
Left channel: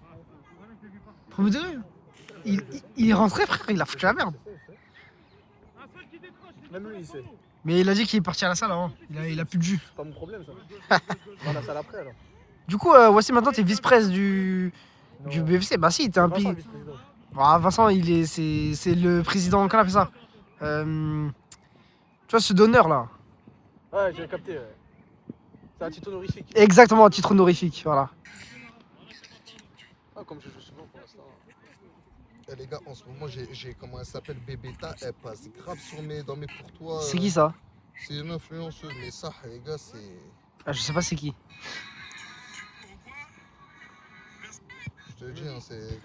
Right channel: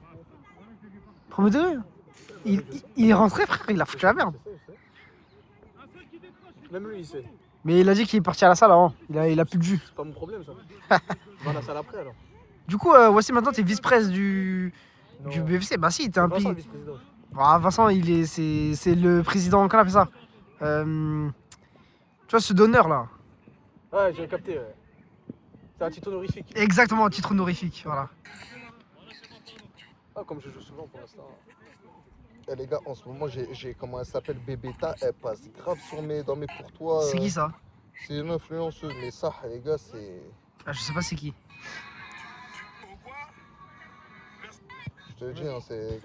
Premier degré. Il est rentré frère, il a foutu la merde. Même lui, il sait. Mais il a dit qu'il est parti à la salle avant. Il a plus de jus. C'est pas mon problème ça. On va la salle après alors. Du coup, voici maintenant t'es vice-presse du BFC. Bah si, t'es un Vincent, pic. vice-président. Ah, Vincent, c'est le président, comment on appelle ça? Tu vois ce donneur là. Ouais, j'ai capté. C'est un titre honorifique. Exactement, à titre honorifique, voilà. Ah, comme je joue souvent pour l'instant. Eh, les gars, en ce moment, j'ai comment elle s'appelle, Bébéta, elle passe grave dans mes courtois. C'est qui ça? C'est une influenceuse, mais ça, les gars, c'est. Ah, je sais pas c'est qui. Je te dis, hein, c'est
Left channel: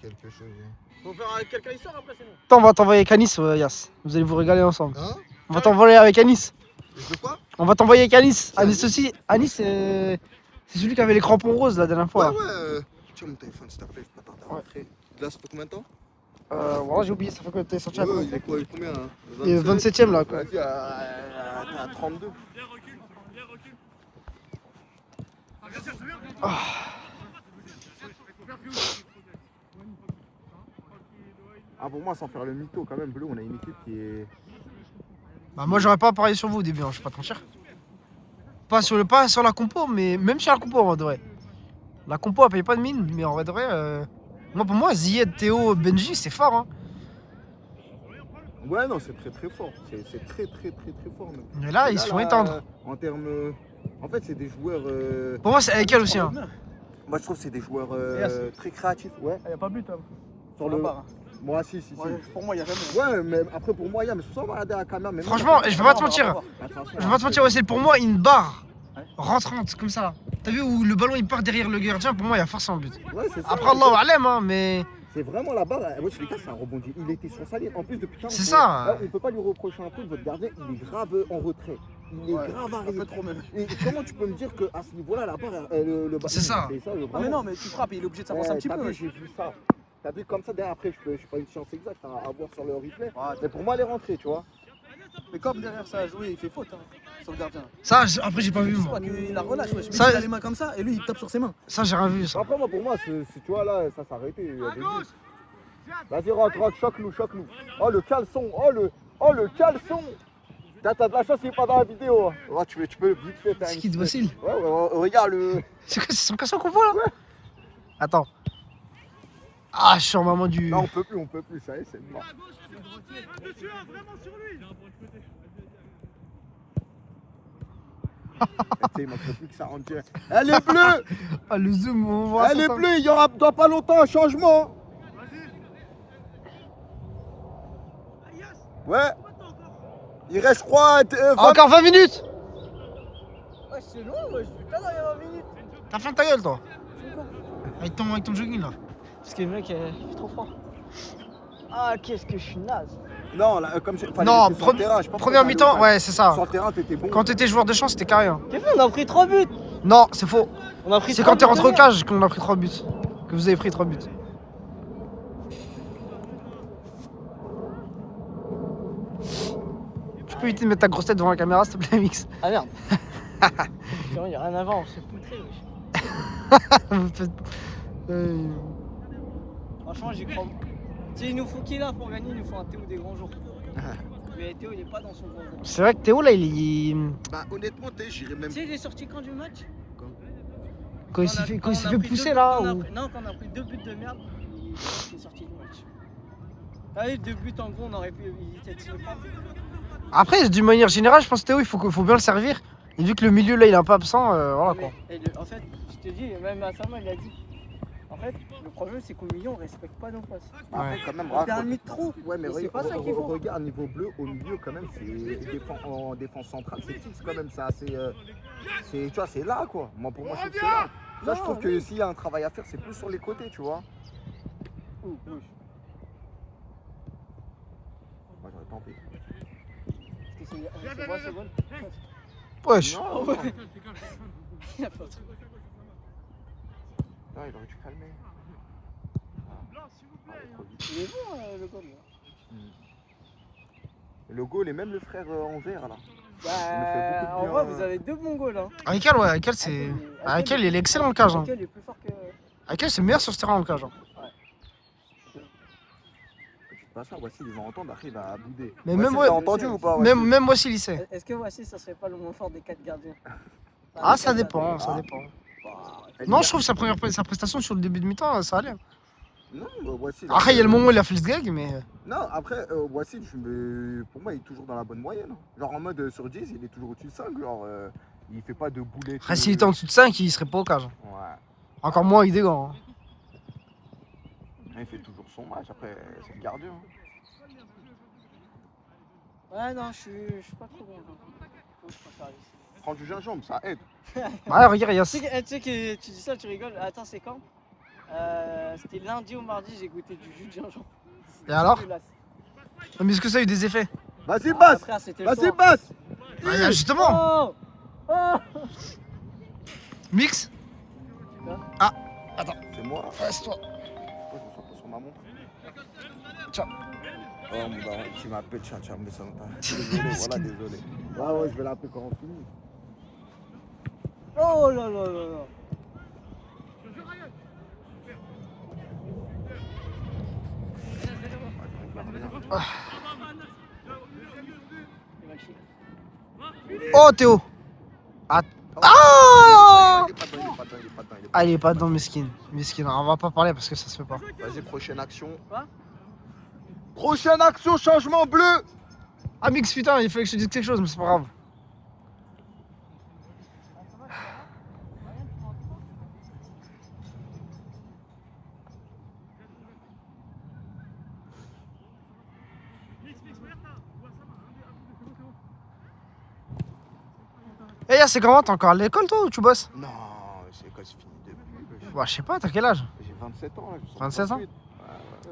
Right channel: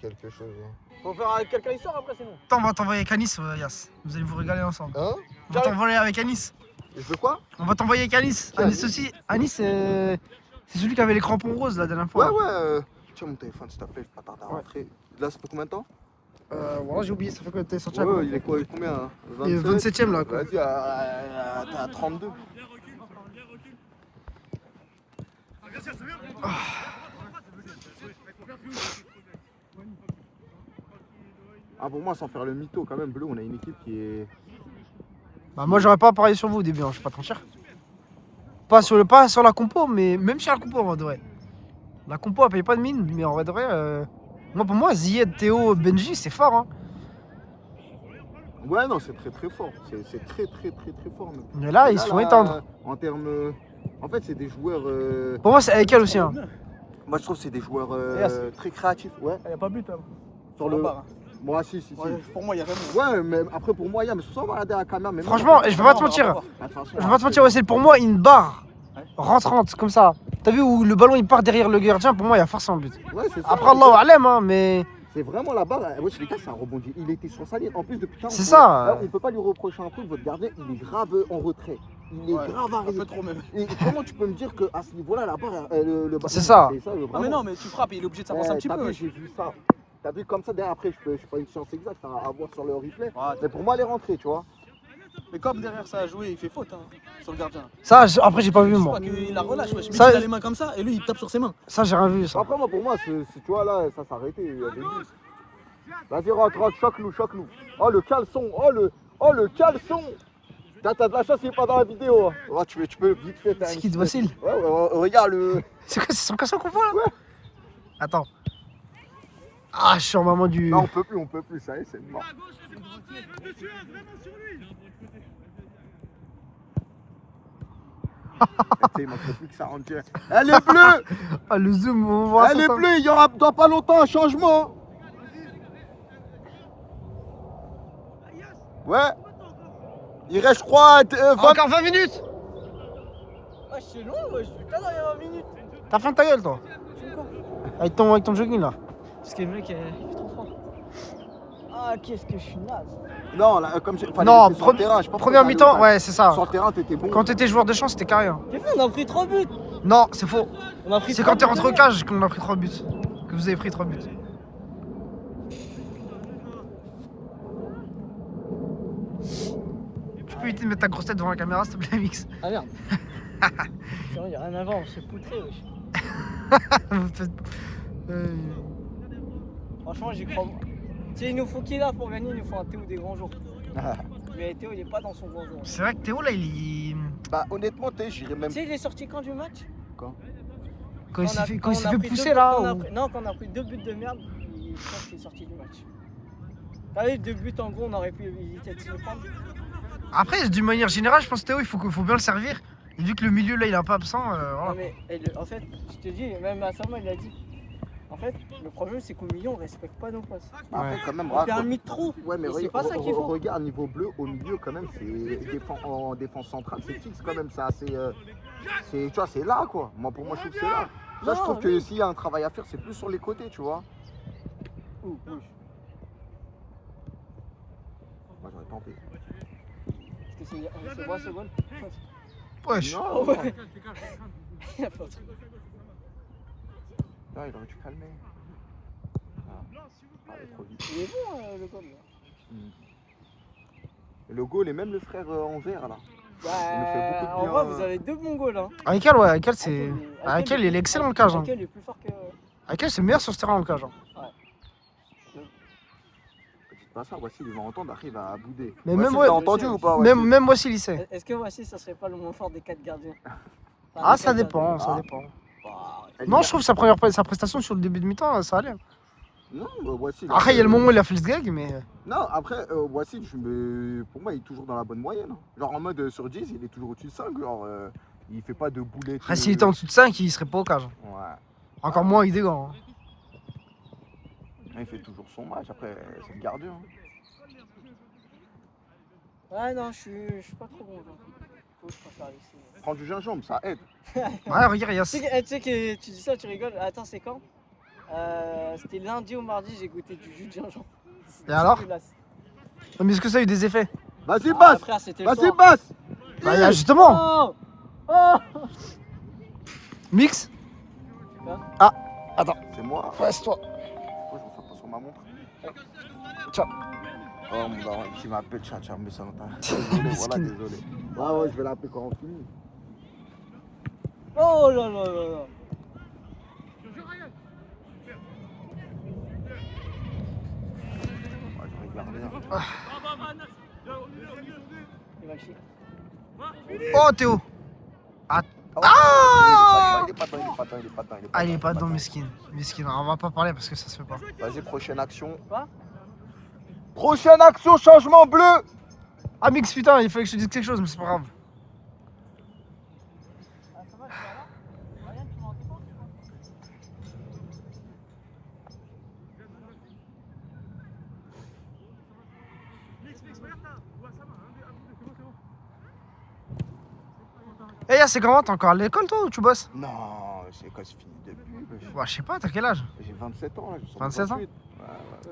quelque chose. Hein. Faut faire avec quelqu'un qui sort après, c'est bon. Attends, on va t'envoyer avec Anis, Yas. Vous allez vous régaler ensemble. Hein? On va t'envoyer avec Anis. Et je veux quoi? On va t'envoyer avec Anis. Qui, Anis Anis aussi. Anis, c'est celui qui avait les crampons roses la dernière fois. Ouais, ouais. Tiens, mon téléphone, s'il te plaît, je pas tarder à Ouais. rentrer. Là, ça fait combien de temps? Voilà, j'ai oublié, ça fait quoi? T'es sorti à Ouais, combien? il est quoi? Il est combien? Hein? Il est 27ème là, quoi. Vas-y, à 32. Ah, pour moi, sans faire le mytho, quand même, Bleu, on a une équipe qui est. Bah, moi, j'aurais pas parié sur vous au début, hein, je vais pas te mentir. Pas sur la compo, mais même sur la compo, en vrai de vrai. La compo, elle paye pas de mine, mais en vrai de vrai, moi, pour moi, Ziyed, Théo, Benji, c'est fort, hein. Ouais, non, c'est très très fort. C'est très fort. Même. Mais là, ils se font étendre. En termes. En fait, c'est des joueurs. Pour moi, c'est avec elle aussi, hein. Moi, je trouve que c'est des joueurs très créatifs. Ouais. Il n'y a pas but, hein. Sur le. Pas, hein. Moi, si. Ouais, pour moi, il y a rien de Ouais, mais après, pour moi, il y a. Mais ça, on va regarder à la caméra. Mais Franchement, je vais pas te mentir. Je vais pas te mentir, ouais, c'est pour moi une barre rentrante, comme ça. T'as vu où le ballon il part derrière le gardien, pour moi, il y a forcément but. Ouais, c'est ça. Après, Allahu Alem, hein, mais. C'est vraiment la barre. Ouais, les gars, ça a rebondi. Il était sur sa ligne. En plus, depuis C'est ça. On peut pas lui reprocher un truc. Votre gardien, il est grave en retrait. Il est grave un arrivé. peu trop même. Et comment tu peux me dire qu'à ce niveau-là, la barre, le C'est ça. Mais non, mais tu frappes, il est obligé de s'avancer un petit t'as peu. vu, j'ai vu ça. T'as vu comme ça, derrière, après, je suis pas une science exacte à voir sur le replay. Mais pour moi, elle est rentrée, tu vois. Mais comme derrière ça a joué, il fait faute hein, sur le gardien. Ça, après, j'ai pas vu, moi. Il la relâche, wesh. Ça- Il a les mains comme ça et lui il tape sur ses mains. Ça, j'ai rien vu, ça. Après, moi, pour moi, tu vois, là, ça s'est arrêté. Il y a des buts. Vas-y, rentre, choque-nous. Oh, le caleçon. Oh, le caleçon. T'as de la chance, il est pas dans la vidéo. Ouais, tu peux vite fait faire C'est une qui, de Vassil? Ouais, regarde le. C'est quoi, c'est son caleçon qu'on voit là? Attends. Ah, je suis en maman du. Non, on peut plus, ça y est, c'est mort. Il manque plus que ça rentre direct. Elle est bleue. Ah, le zoom, on voit Elle ça. est bleue, il y aura dans pas longtemps un changement. Ouais. Il reste, je crois, 20... Encore 20 minutes. Ah, c'est long, wesh. Putain, 20 minutes. T'as faim de ta gueule, toi. Avec ton jogging là. Parce que le mec est trop fort. Ah, qu'est-ce que je suis naze. Non, là, comme je. Non, sur le terrain, je pense que première t'as mi-temps, le- ouais, c'est ça. Sur le terrain, t'étais bon. Quand t'étais joueur de champ, c'était carré. Hein. T'es fou, on a pris 3 buts. Non, c'est faux. On a pris C'est 3 quand t'es buts rentré au de cage qu'on a pris 3 buts. Que vous avez pris 3 buts. Tu peux éviter de mettre ta grosse tête devant la caméra, s'il te plaît, Mix. Ah merde. Il y a rien à voir, on s'est poutré. Vous faites- Franchement, j'y crois. Tu sais, il nous faut qui est là pour gagner, il nous faut un Théo des grands jours. Mais Théo, il est pas dans son grand jour. C'est vrai que Théo, là, il... Bah, honnêtement, j'irais même. Tu sais, il est sorti quand du match? Quand il s'est fait, Quand on a fait pris pousser, deux- là, quand on a ou... pris- Non, quand on a pris 2 buts de merde, il est sorti du match. T'as vu, 2 buts en gros, on aurait pu éviter de se les prendre. Après, d'une manière générale, je pense que Théo, il faut bien le servir. Et vu que le milieu, là, il est un peu absent, voilà, quoi. Mais, en fait, je te dis, même Assama, il a dit. En fait, le problème, c'est qu'au milieu, on respecte pas nos passes. Ouais. Quand même, On permet trop. Ouais, mais Et c'est pas ça qu'il faut. regarde, niveau bleu, au milieu, quand même, en défense centrale, c'est fixe quand même. Tu vois, c'est là, quoi. Moi, pour moi, je trouve que c'est là. Ça, je trouve que s'il y a un travail à faire, c'est plus sur les côtés, tu vois. Oui. Moi, j'aurais pas envie. Parce que c'est bon, c'est bon. Wesh. Non, Ouais. non, il aurait dû calmer. Il est bon, le goal. Et le goal, et même le frère en vert, là. Il nous fait beaucoup de En bien. vrai, vous avez 2 bons goals. Hein. Aïkel, ouais, Aïkel, c'est... Aïkel, il est excellent, le cage. Hein. Aïkel est plus fort que. Aïkel, c'est le meilleur sur ce terrain, le cage. Hein. Dites pas ça, voici, ils vont entendre, après, il va bouder. Mais même, Voici, ouais, t'as entendu ou pas? même moi aussi, il sait. Est-ce que voici, ça serait pas le moins fort des 4 gardiens? Ah, ça dépend, ça dépend. Non, je trouve sa prestation sur le début de mi-temps, ça allait. Non, voici. Après, il y a le moment où il a fait le gag, mais... Non, après, Wassil, pour moi, il est toujours dans la bonne moyenne. Genre en mode sur 10, il est toujours au-dessus de 5. Genre, il fait pas de boulettes. Après, s'il était en dessous de 5, il serait pas au cage. Ouais. Encore moins avec des gants. Hein. Mais il fait toujours son match. Après, c'est le gardien. Ouais, non, je suis pas trop bon. Faut que je préfère laisser. Prends du gingembre, ça aide. Ouais, regarde, il y a... Tu sais que tu dis ça, tu rigoles. Attends, c'est quand? C'était lundi ou mardi, j'ai goûté du jus de gingembre. Et alors? Dégueulasse. Non, mais est-ce que ça a eu des effets? Vas-y, Ah, passe. frère, c'était le Vas-y, soir. passe. Bah, il y a justement. Oh Oh Mix. C'est moi. Passe-toi. Pourquoi je me fais pas sur ma montre? Ciao. Oh, mon daron, tu m'appelles, tiens, mais ça longtemps. Désolé, voilà, désolé. Ouais, je vais l'appeler quand on finit. Oh là là là là. Oh, Théo. Ah. Il est pas dedans, il est pas dedans, il est pas dedans. Ah, il est pas dedans, Meskin. Meskin, on va pas parler parce que ça se fait pas. Vas-y, prochaine action. Quoi? Prochaine action, changement bleu. Ah, Mix, putain, il fallait que je te dise quelque chose, mais c'est pas grave. Eh, c'est comment? T'es encore à l'école, toi, ou tu bosses? Non, c'est quand c'est fini depuis. Bah, je sais pas, t'as quel âge? J'ai 27 ans. je sors 27 ans? 28.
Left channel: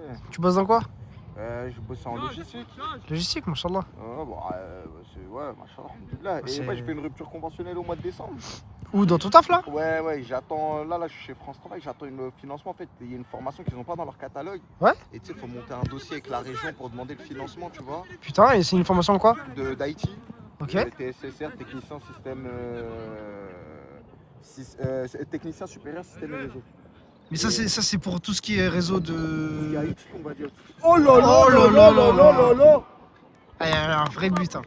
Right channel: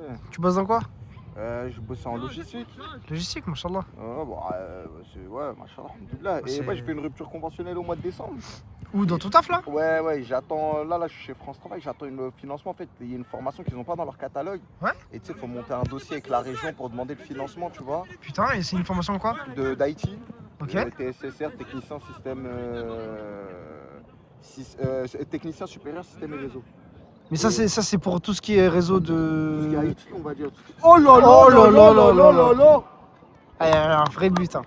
Ouais. Tu bosses dans quoi? Je bosse en logistique. Logistique, machallah. Bon, ouais, machallah. Bah, Et c'est- moi, j'ai fait une rupture conventionnelle au mois de décembre. Ou dans ton taf, là? Ouais, j'attends. Là, je suis chez France Travail, j'attends le financement. En fait, il y a une formation qu'ils n'ont pas dans leur catalogue. Ouais. Et tu sais, il faut monter un dossier avec la région pour demander le financement, tu vois, Putain, et c'est une formation quoi? d'IT. Ok. Le TSSR, technicien système. Technicien supérieur système et réseau. Mais ça, c'est pour tout ce qui est réseau Tout ce qui de... est IT, on va dire. Oh là là. Ah, il y a un vrai but, hein.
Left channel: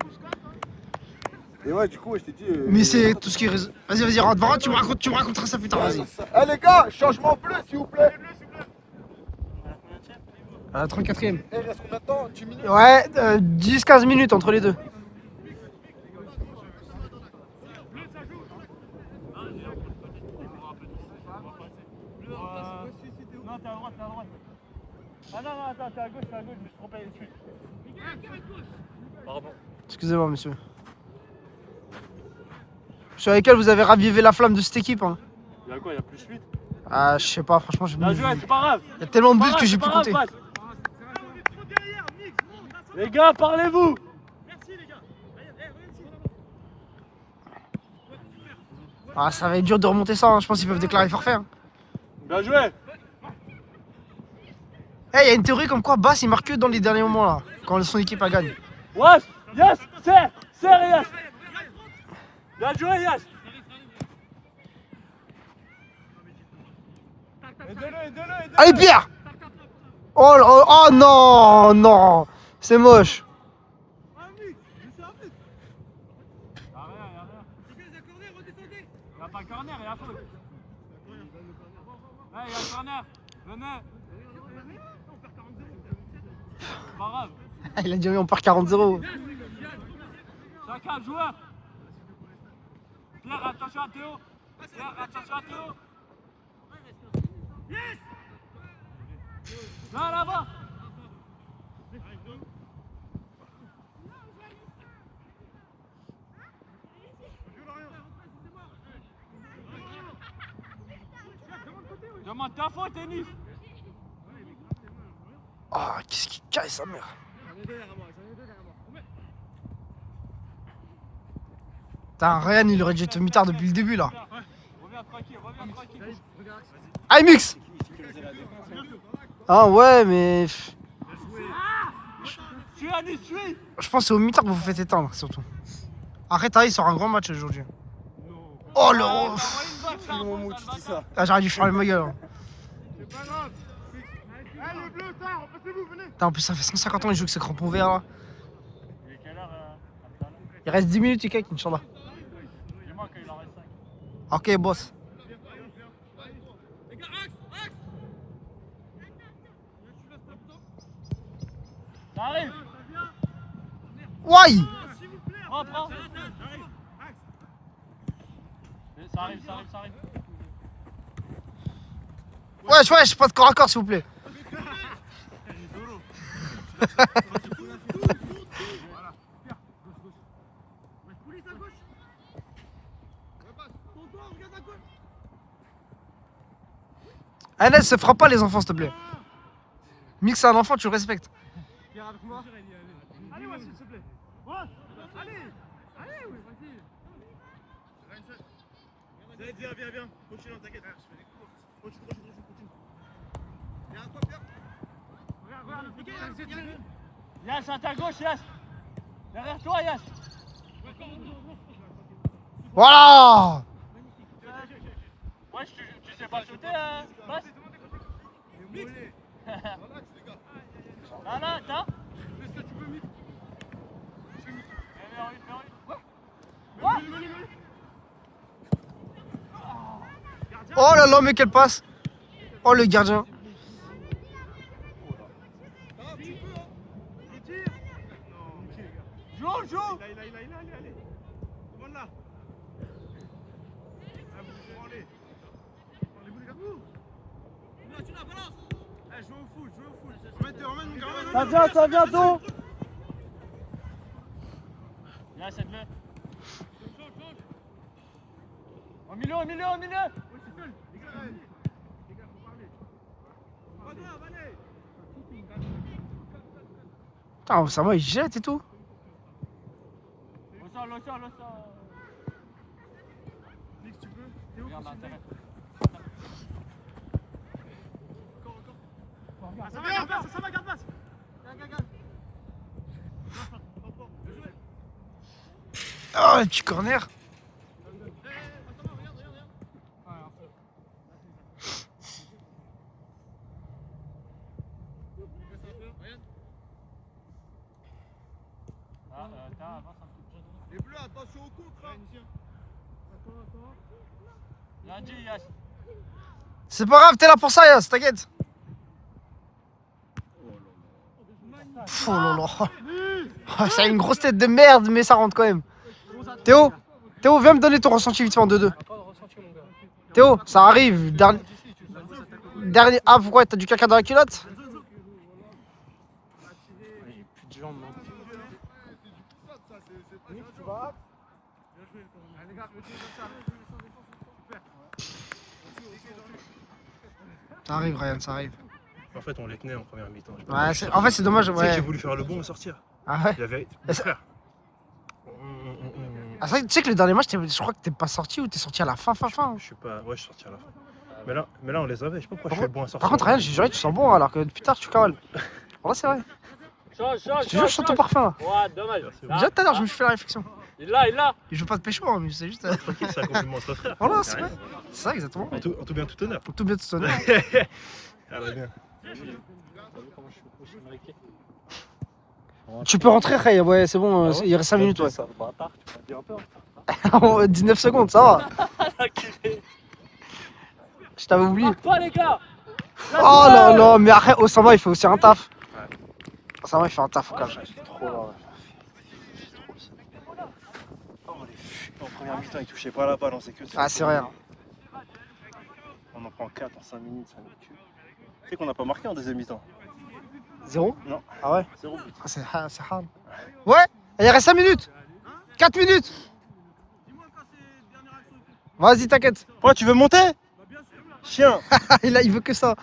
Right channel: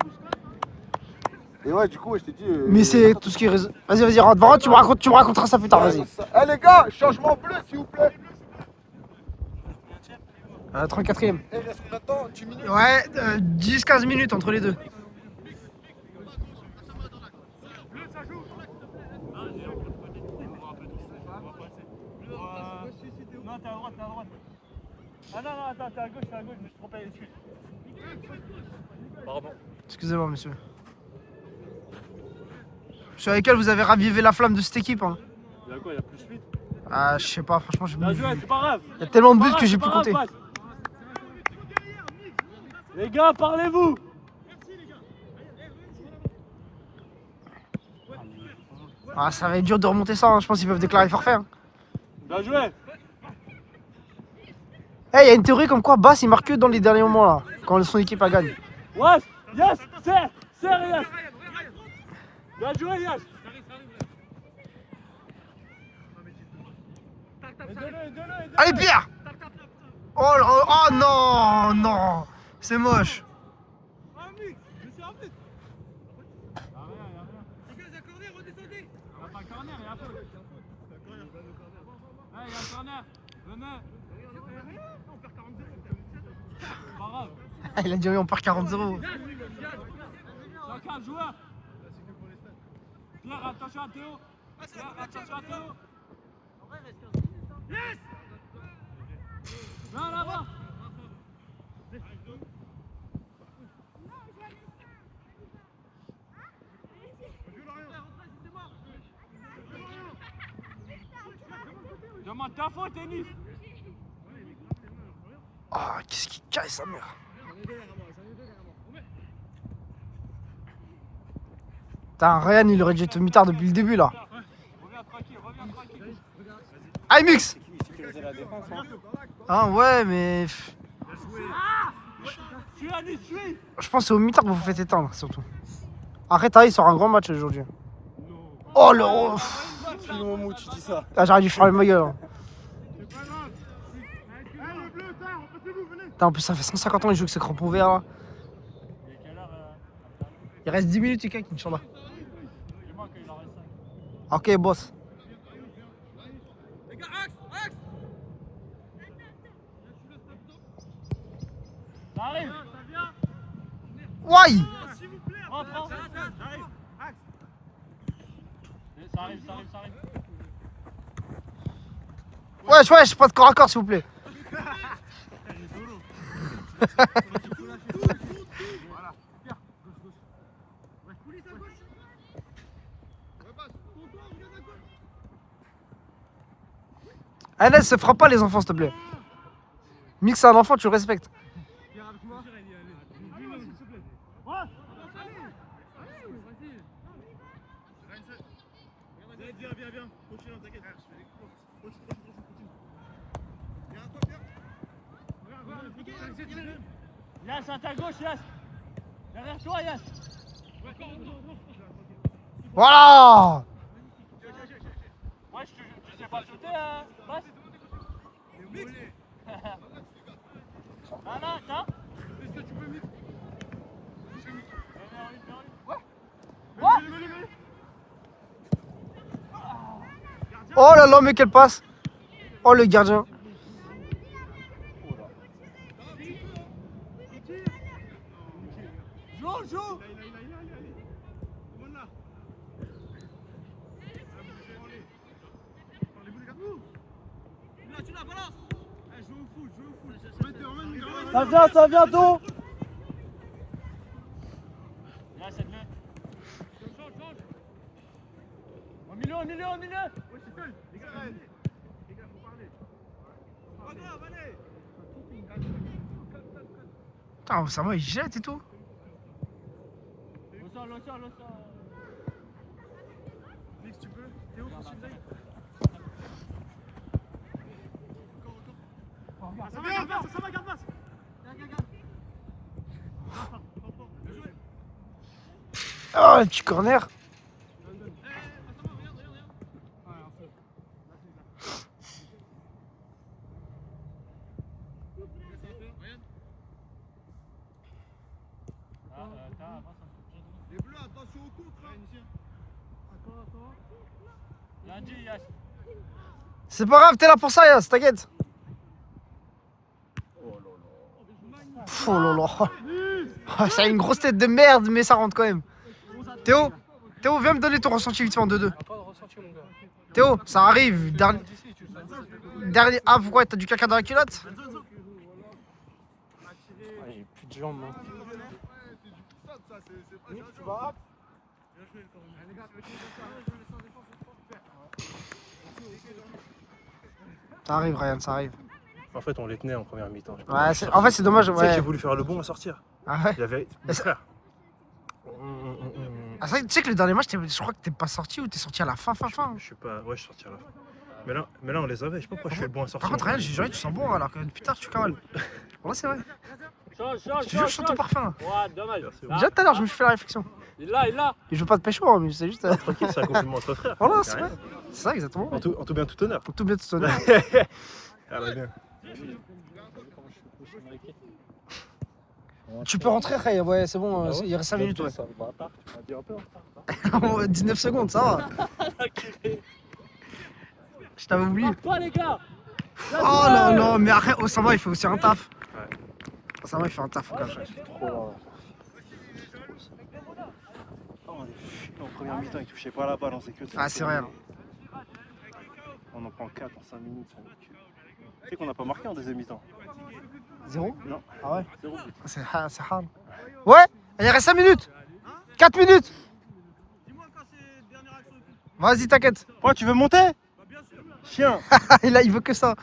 Et ouais, du coup, je t'ai dit. Mais c'est tout ce qui est réseau... Vas-y, rentre, tu me raconteras ça plus tard, vas-y. Eh les gars, changement bleu, s'il vous plaît. 34ème. Eh, reste combien de temps? 10 minutes? Ouais, 10-15 minutes entre les deux. Non, t'es à droite, t'es à droite. Ah non, attends, t'es à gauche, je me suis trompé dessus. Pardon. Excusez-moi, monsieur. Sur lesquels vous avez ravivé la flamme de cette équipe, hein. Il y a quoi, il y a plus 8? Ah, je sais pas, franchement, j'ai Bah, joué, c'est pas grave. Il y a tellement de buts que j'ai pu compter. Les gars, parlez-vous. Ah, ça va être dur de remonter ça, hein. Je pense qu'ils peuvent déclarer forfait. Hein. Bien joué. Eh, y a une théorie comme quoi Bass il marque que dans les derniers moments là, quand son équipe a gagne. Wesh, yes, serre, yes. Bien joué, yes. Aidez-le. Allez, Pierre! Oh, oh non, non, c'est moche. Il y a pas le corner, il y a faute. Ouais, il y a le corner. Venez. Pas grave. Il a dit oui, on part 40-0. Chacun, joueur. Pierre, attention à Théo. Pierre, attention à Théo. Yes. Non, là-bas. Demande ta faute, Denis. Ah, qu'est-ce qu'il caille sa mère. Putain, Ryan il aurait dû être mitard depuis le début là. Allez, Mux! Ah ouais, mais. Je pense que c'est au mitard que vous vous faites éteindre surtout. Après, Thaïs sort un grand match aujourd'hui. Oh le. Ah, j'aurais dû faire ma gueule. Hein. Putain, en plus, ça fait 150 ans qu'il joue avec ce crampon vert là. Il reste 10 minutes, Ikek, Inch'Allah. Ok, boss. Why? Wesh, pas de corps à corps s'il vous plaît. Anas, se fera pas les enfants s'il te plaît. Mix c'est un enfant, tu le respectes. Viens. Continue, t'inquiète. Yass, à ta gauche, Yass. Derrière toi, Yass. Voilà. Ouais, tu sais pas sauter, hein. Voilà, t'as. Est-ce que tu peux mix? Oh là là, mais quelle passe! Oh le gardien! Joue! Tu la balances! Joue au foot! Ça vient d'où? Là, c'est bleu. Change! Au milieu! Ouais, c'est seul! Les gars, faut parler! Putain, ça va, il jette et tout! Le sort! Mix, tu peux? Théo, faut suivre. Encore. Ça va, garde passe. Garde. Oh, le petit corner! Ça va, regarde. Les bleus, attention au contre. Attends. Lundi, Yass. C'est pas grave, t'es là pour ça, Yass, t'inquiète! Oh là là! Oh, ça a une grosse tête de merde, mais ça rentre quand même! Théo, viens me donner ton ressenti vite fait en 2-2. Théo, ça arrive. Dernier. Ah, pourquoi? T'as du caca dans la culotte? Ça arrive, Ryan, ça arrive. En fait, on les tenait en première mi-temps. Ouais, en fait, c'est dommage. Tu sais que Ouais. j'ai voulu faire le bon et sortir. Ah ouais. Il y avait. Mes frères. Ah, tu sais que le dernier match, je crois que t'es pas sorti ou t'es sorti à la fin. Je suis pas. Ouais, je suis sorti à la fin. Mais là, on les avait. Je sais pas pourquoi je fais le bon à sortir. Par contre, rien, j'ai juré, tu sens bon alors que plus tard, tu cavales. En vrai, c'est vrai. Change, Je te jure, je sens ton parfum là. Ouais, dommage. Déjà tout à l'heure, je me suis fait la réflexion. Il l'a. Et je veux pas te pécho, hein, mais c'est juste. C'est un compliment entre frères. Voilà, Y a c'est rien. vrai. C'est ça, exactement. En tout bien, tout honneur. Tout bien, tout honneur. Elle va bien. Tu peux rentrer, Ray, ouais, c'est bon, il reste 5 minutes, ouais. Ça, le bâtard, tu m'as dit un peu. 19 secondes, ça va. Je t'avais oublié. Toi, les gars. Oh là là, mais après, Osama, il fait aussi un taf. Osama, il fait un taf, quand même. Trop là. En première mi-temps, il touchait pas la balle, on sait que Ah, c'est vrai. On en prend 4 en 5 minutes. Tu sais qu'on n'a pas marqué en deuxième mi-temps. 0 Non. Ah ouais. 0 but. C'est hard. Ouais, il reste 5 minutes. 4 minutes. Vas-y, t'inquiète. Pourquoi tu veux monter? Chien. Il veut que ça.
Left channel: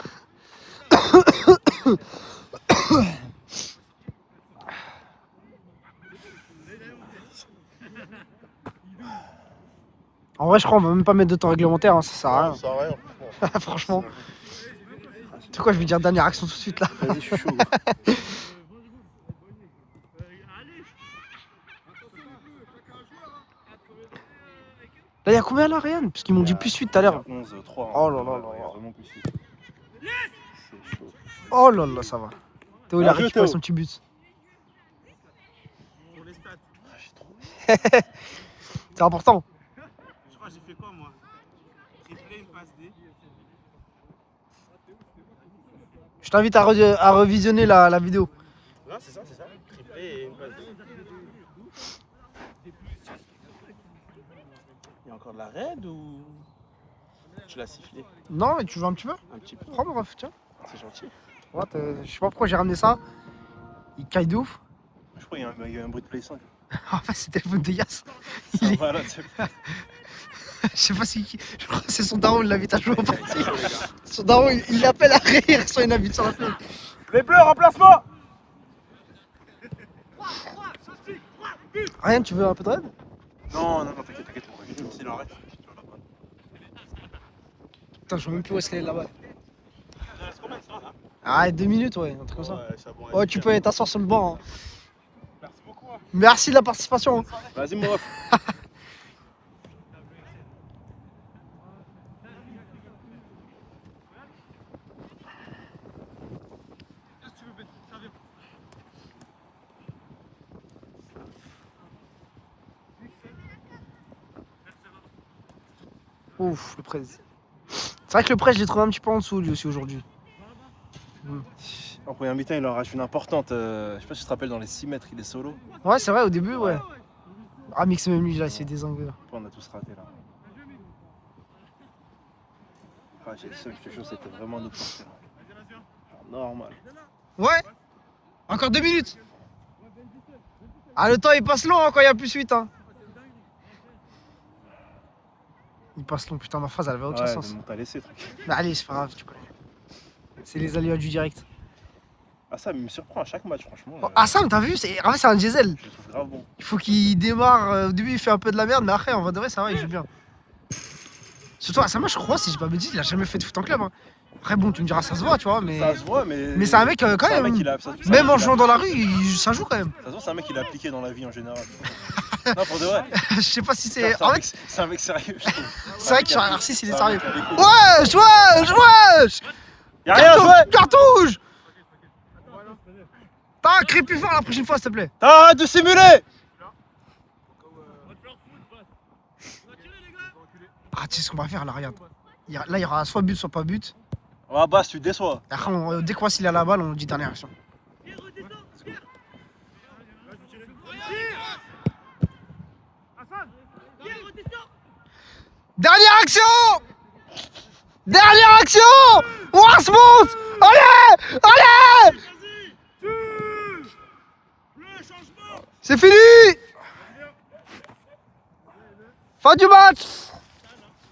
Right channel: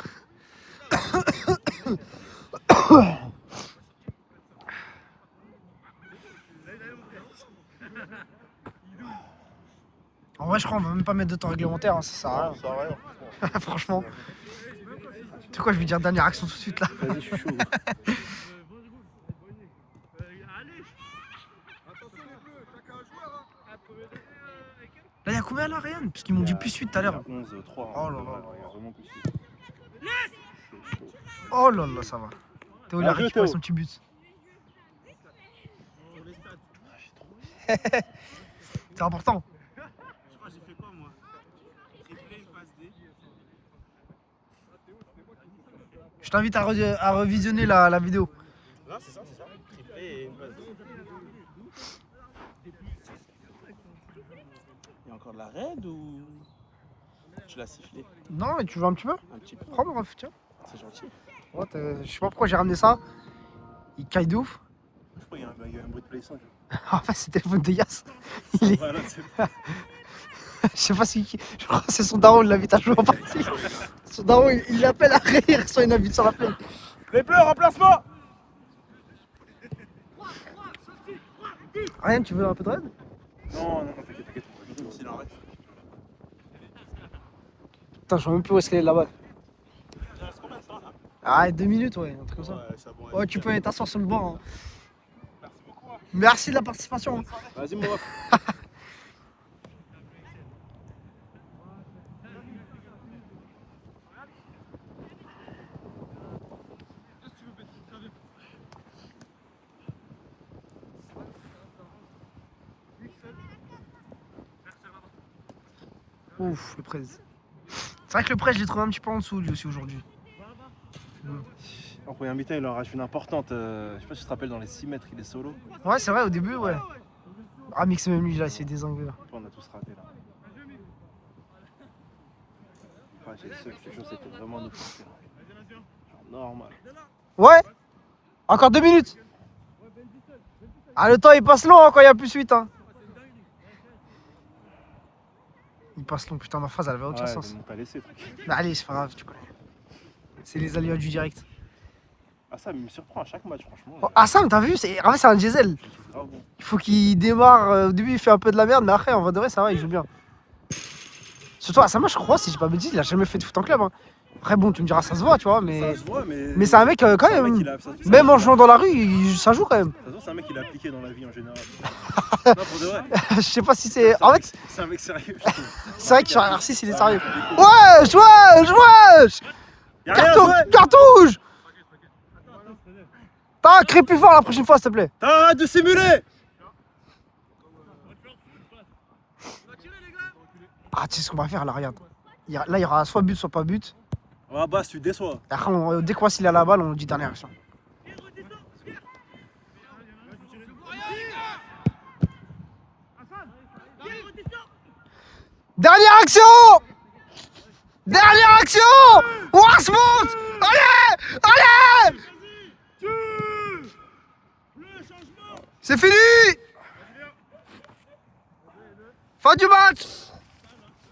En vrai, je crois qu'on va même pas mettre de temps réglementaire, hein, ça sert à rien. Ça sert à rien. Franchement. Tu sais quoi, je vais dire dernière action tout de suite là. Vas-y, je suis chaud. Là, il y a combien là, Ryan? Parce qu'ils m'ont dit plus suite tout à l'heure. 11, 3. Oh là là là. Vraiment plus suite. C'est chaud. Oh là là, ça va. Théo, il a Bien joué, récupéré Théo. son petit but. C'est important. Je crois que j'ai fait quoi, moi? Triplé, une passe D. Je t'invite à revisionner la vidéo. Là, c'est ça. Triplé et une passe. Il y a encore de la raid ou tu l'as sifflé? Non, mais tu joues un petit peu? Un petit peu. Prends mon ref, tiens. C'est gentil. Ouais, je sais pas pourquoi j'ai ramené ça. Il caille de ouf. Je crois qu'il y a un bruit de Play 5. En fait, c'est le téléphone de Yass. Il est... Voilà, Je sais pas si. Je crois que c'est son daron, il l'invite à jouer en partie. Son daron, il l'appelle à rire, soit il l'invite sur la play. Les bleus, remplacement. Ryan, tu veux un peu de raid? Non, t'inquiète. C'est la raid. Putain, je vois même plus où est-ce qu'elle est là-bas. Ah, 2 minutes, ouais, un truc comme ça. Ouais, tu peux aller t'asseoir sur le banc. Hein. Merci de la participation. Hein. Vas-y, mon ref. Ouf, le prêt. C'est vrai que le prêt, je l'ai trouvé un petit peu en dessous lui aussi aujourd'hui. En première mi-temps, il en rachète une importante. Je sais pas si tu te rappelles, dans les 6 mètres, il est solo. Ouais, c'est vrai, au début, ouais. Ah, Mix, même lui, là, il s'est désanglé. Là. Après, on a tous raté là. Ah, j'ai dit ça, je te jure, c'était vraiment notre partie, là. Genre, normal. Ouais. Encore 2 minutes. Ah, le temps, il passe long hein, quand il n'y a plus suite. Hein. Il passe long, putain, ma phrase, elle avait aucun sens. T'as laissé, tranquille. Mais allez, c'est pas grave, tu connais. C'est les aléas du direct. Ah, ça, il me surprend à chaque match, franchement. Oh, Assam, t'as vu? En fait, c'est un diesel. Je le trouve grave bon. Il faut qu'il démarre. Au début, il fait un peu de la merde, mais après, en vrai de vrai, ça va, il joue bien. Surtout, Assam, je crois, si j'ai pas me dit, il a jamais fait de foot en club. Hein. Après, bon, tu me diras, ça se voit, tu vois, mais. Ça se voit, mais. Mais c'est un mec, quand c'est un même. mec, il a- ça- ça- Même en jouant dans la rue, ça joue quand même. Ça se voit, c'est un mec qui l'a appliqué dans la vie en général. Non, pour de vrai. Je sais pas si c'est. En fait, C'est un mec sérieux, je trouve. c'est vrai que sur R6, il est sérieux. Wesh, wesh, wesh! Y'a rien, Carton, ouais. cartouche! T'as crie plus fort la prochaine fois, s'il te plaît. Arrête de simuler! Ah, tu sais ce qu'on va faire là, regarde. Là, il y aura soit but, soit pas but. Ah, bah, tu déçois. Et après, dès qu'on voit s'il a la balle, on dit dernière action. Dernière action! Dernière action! On se monte! Allez! Allez! C'est fini! Fin du match!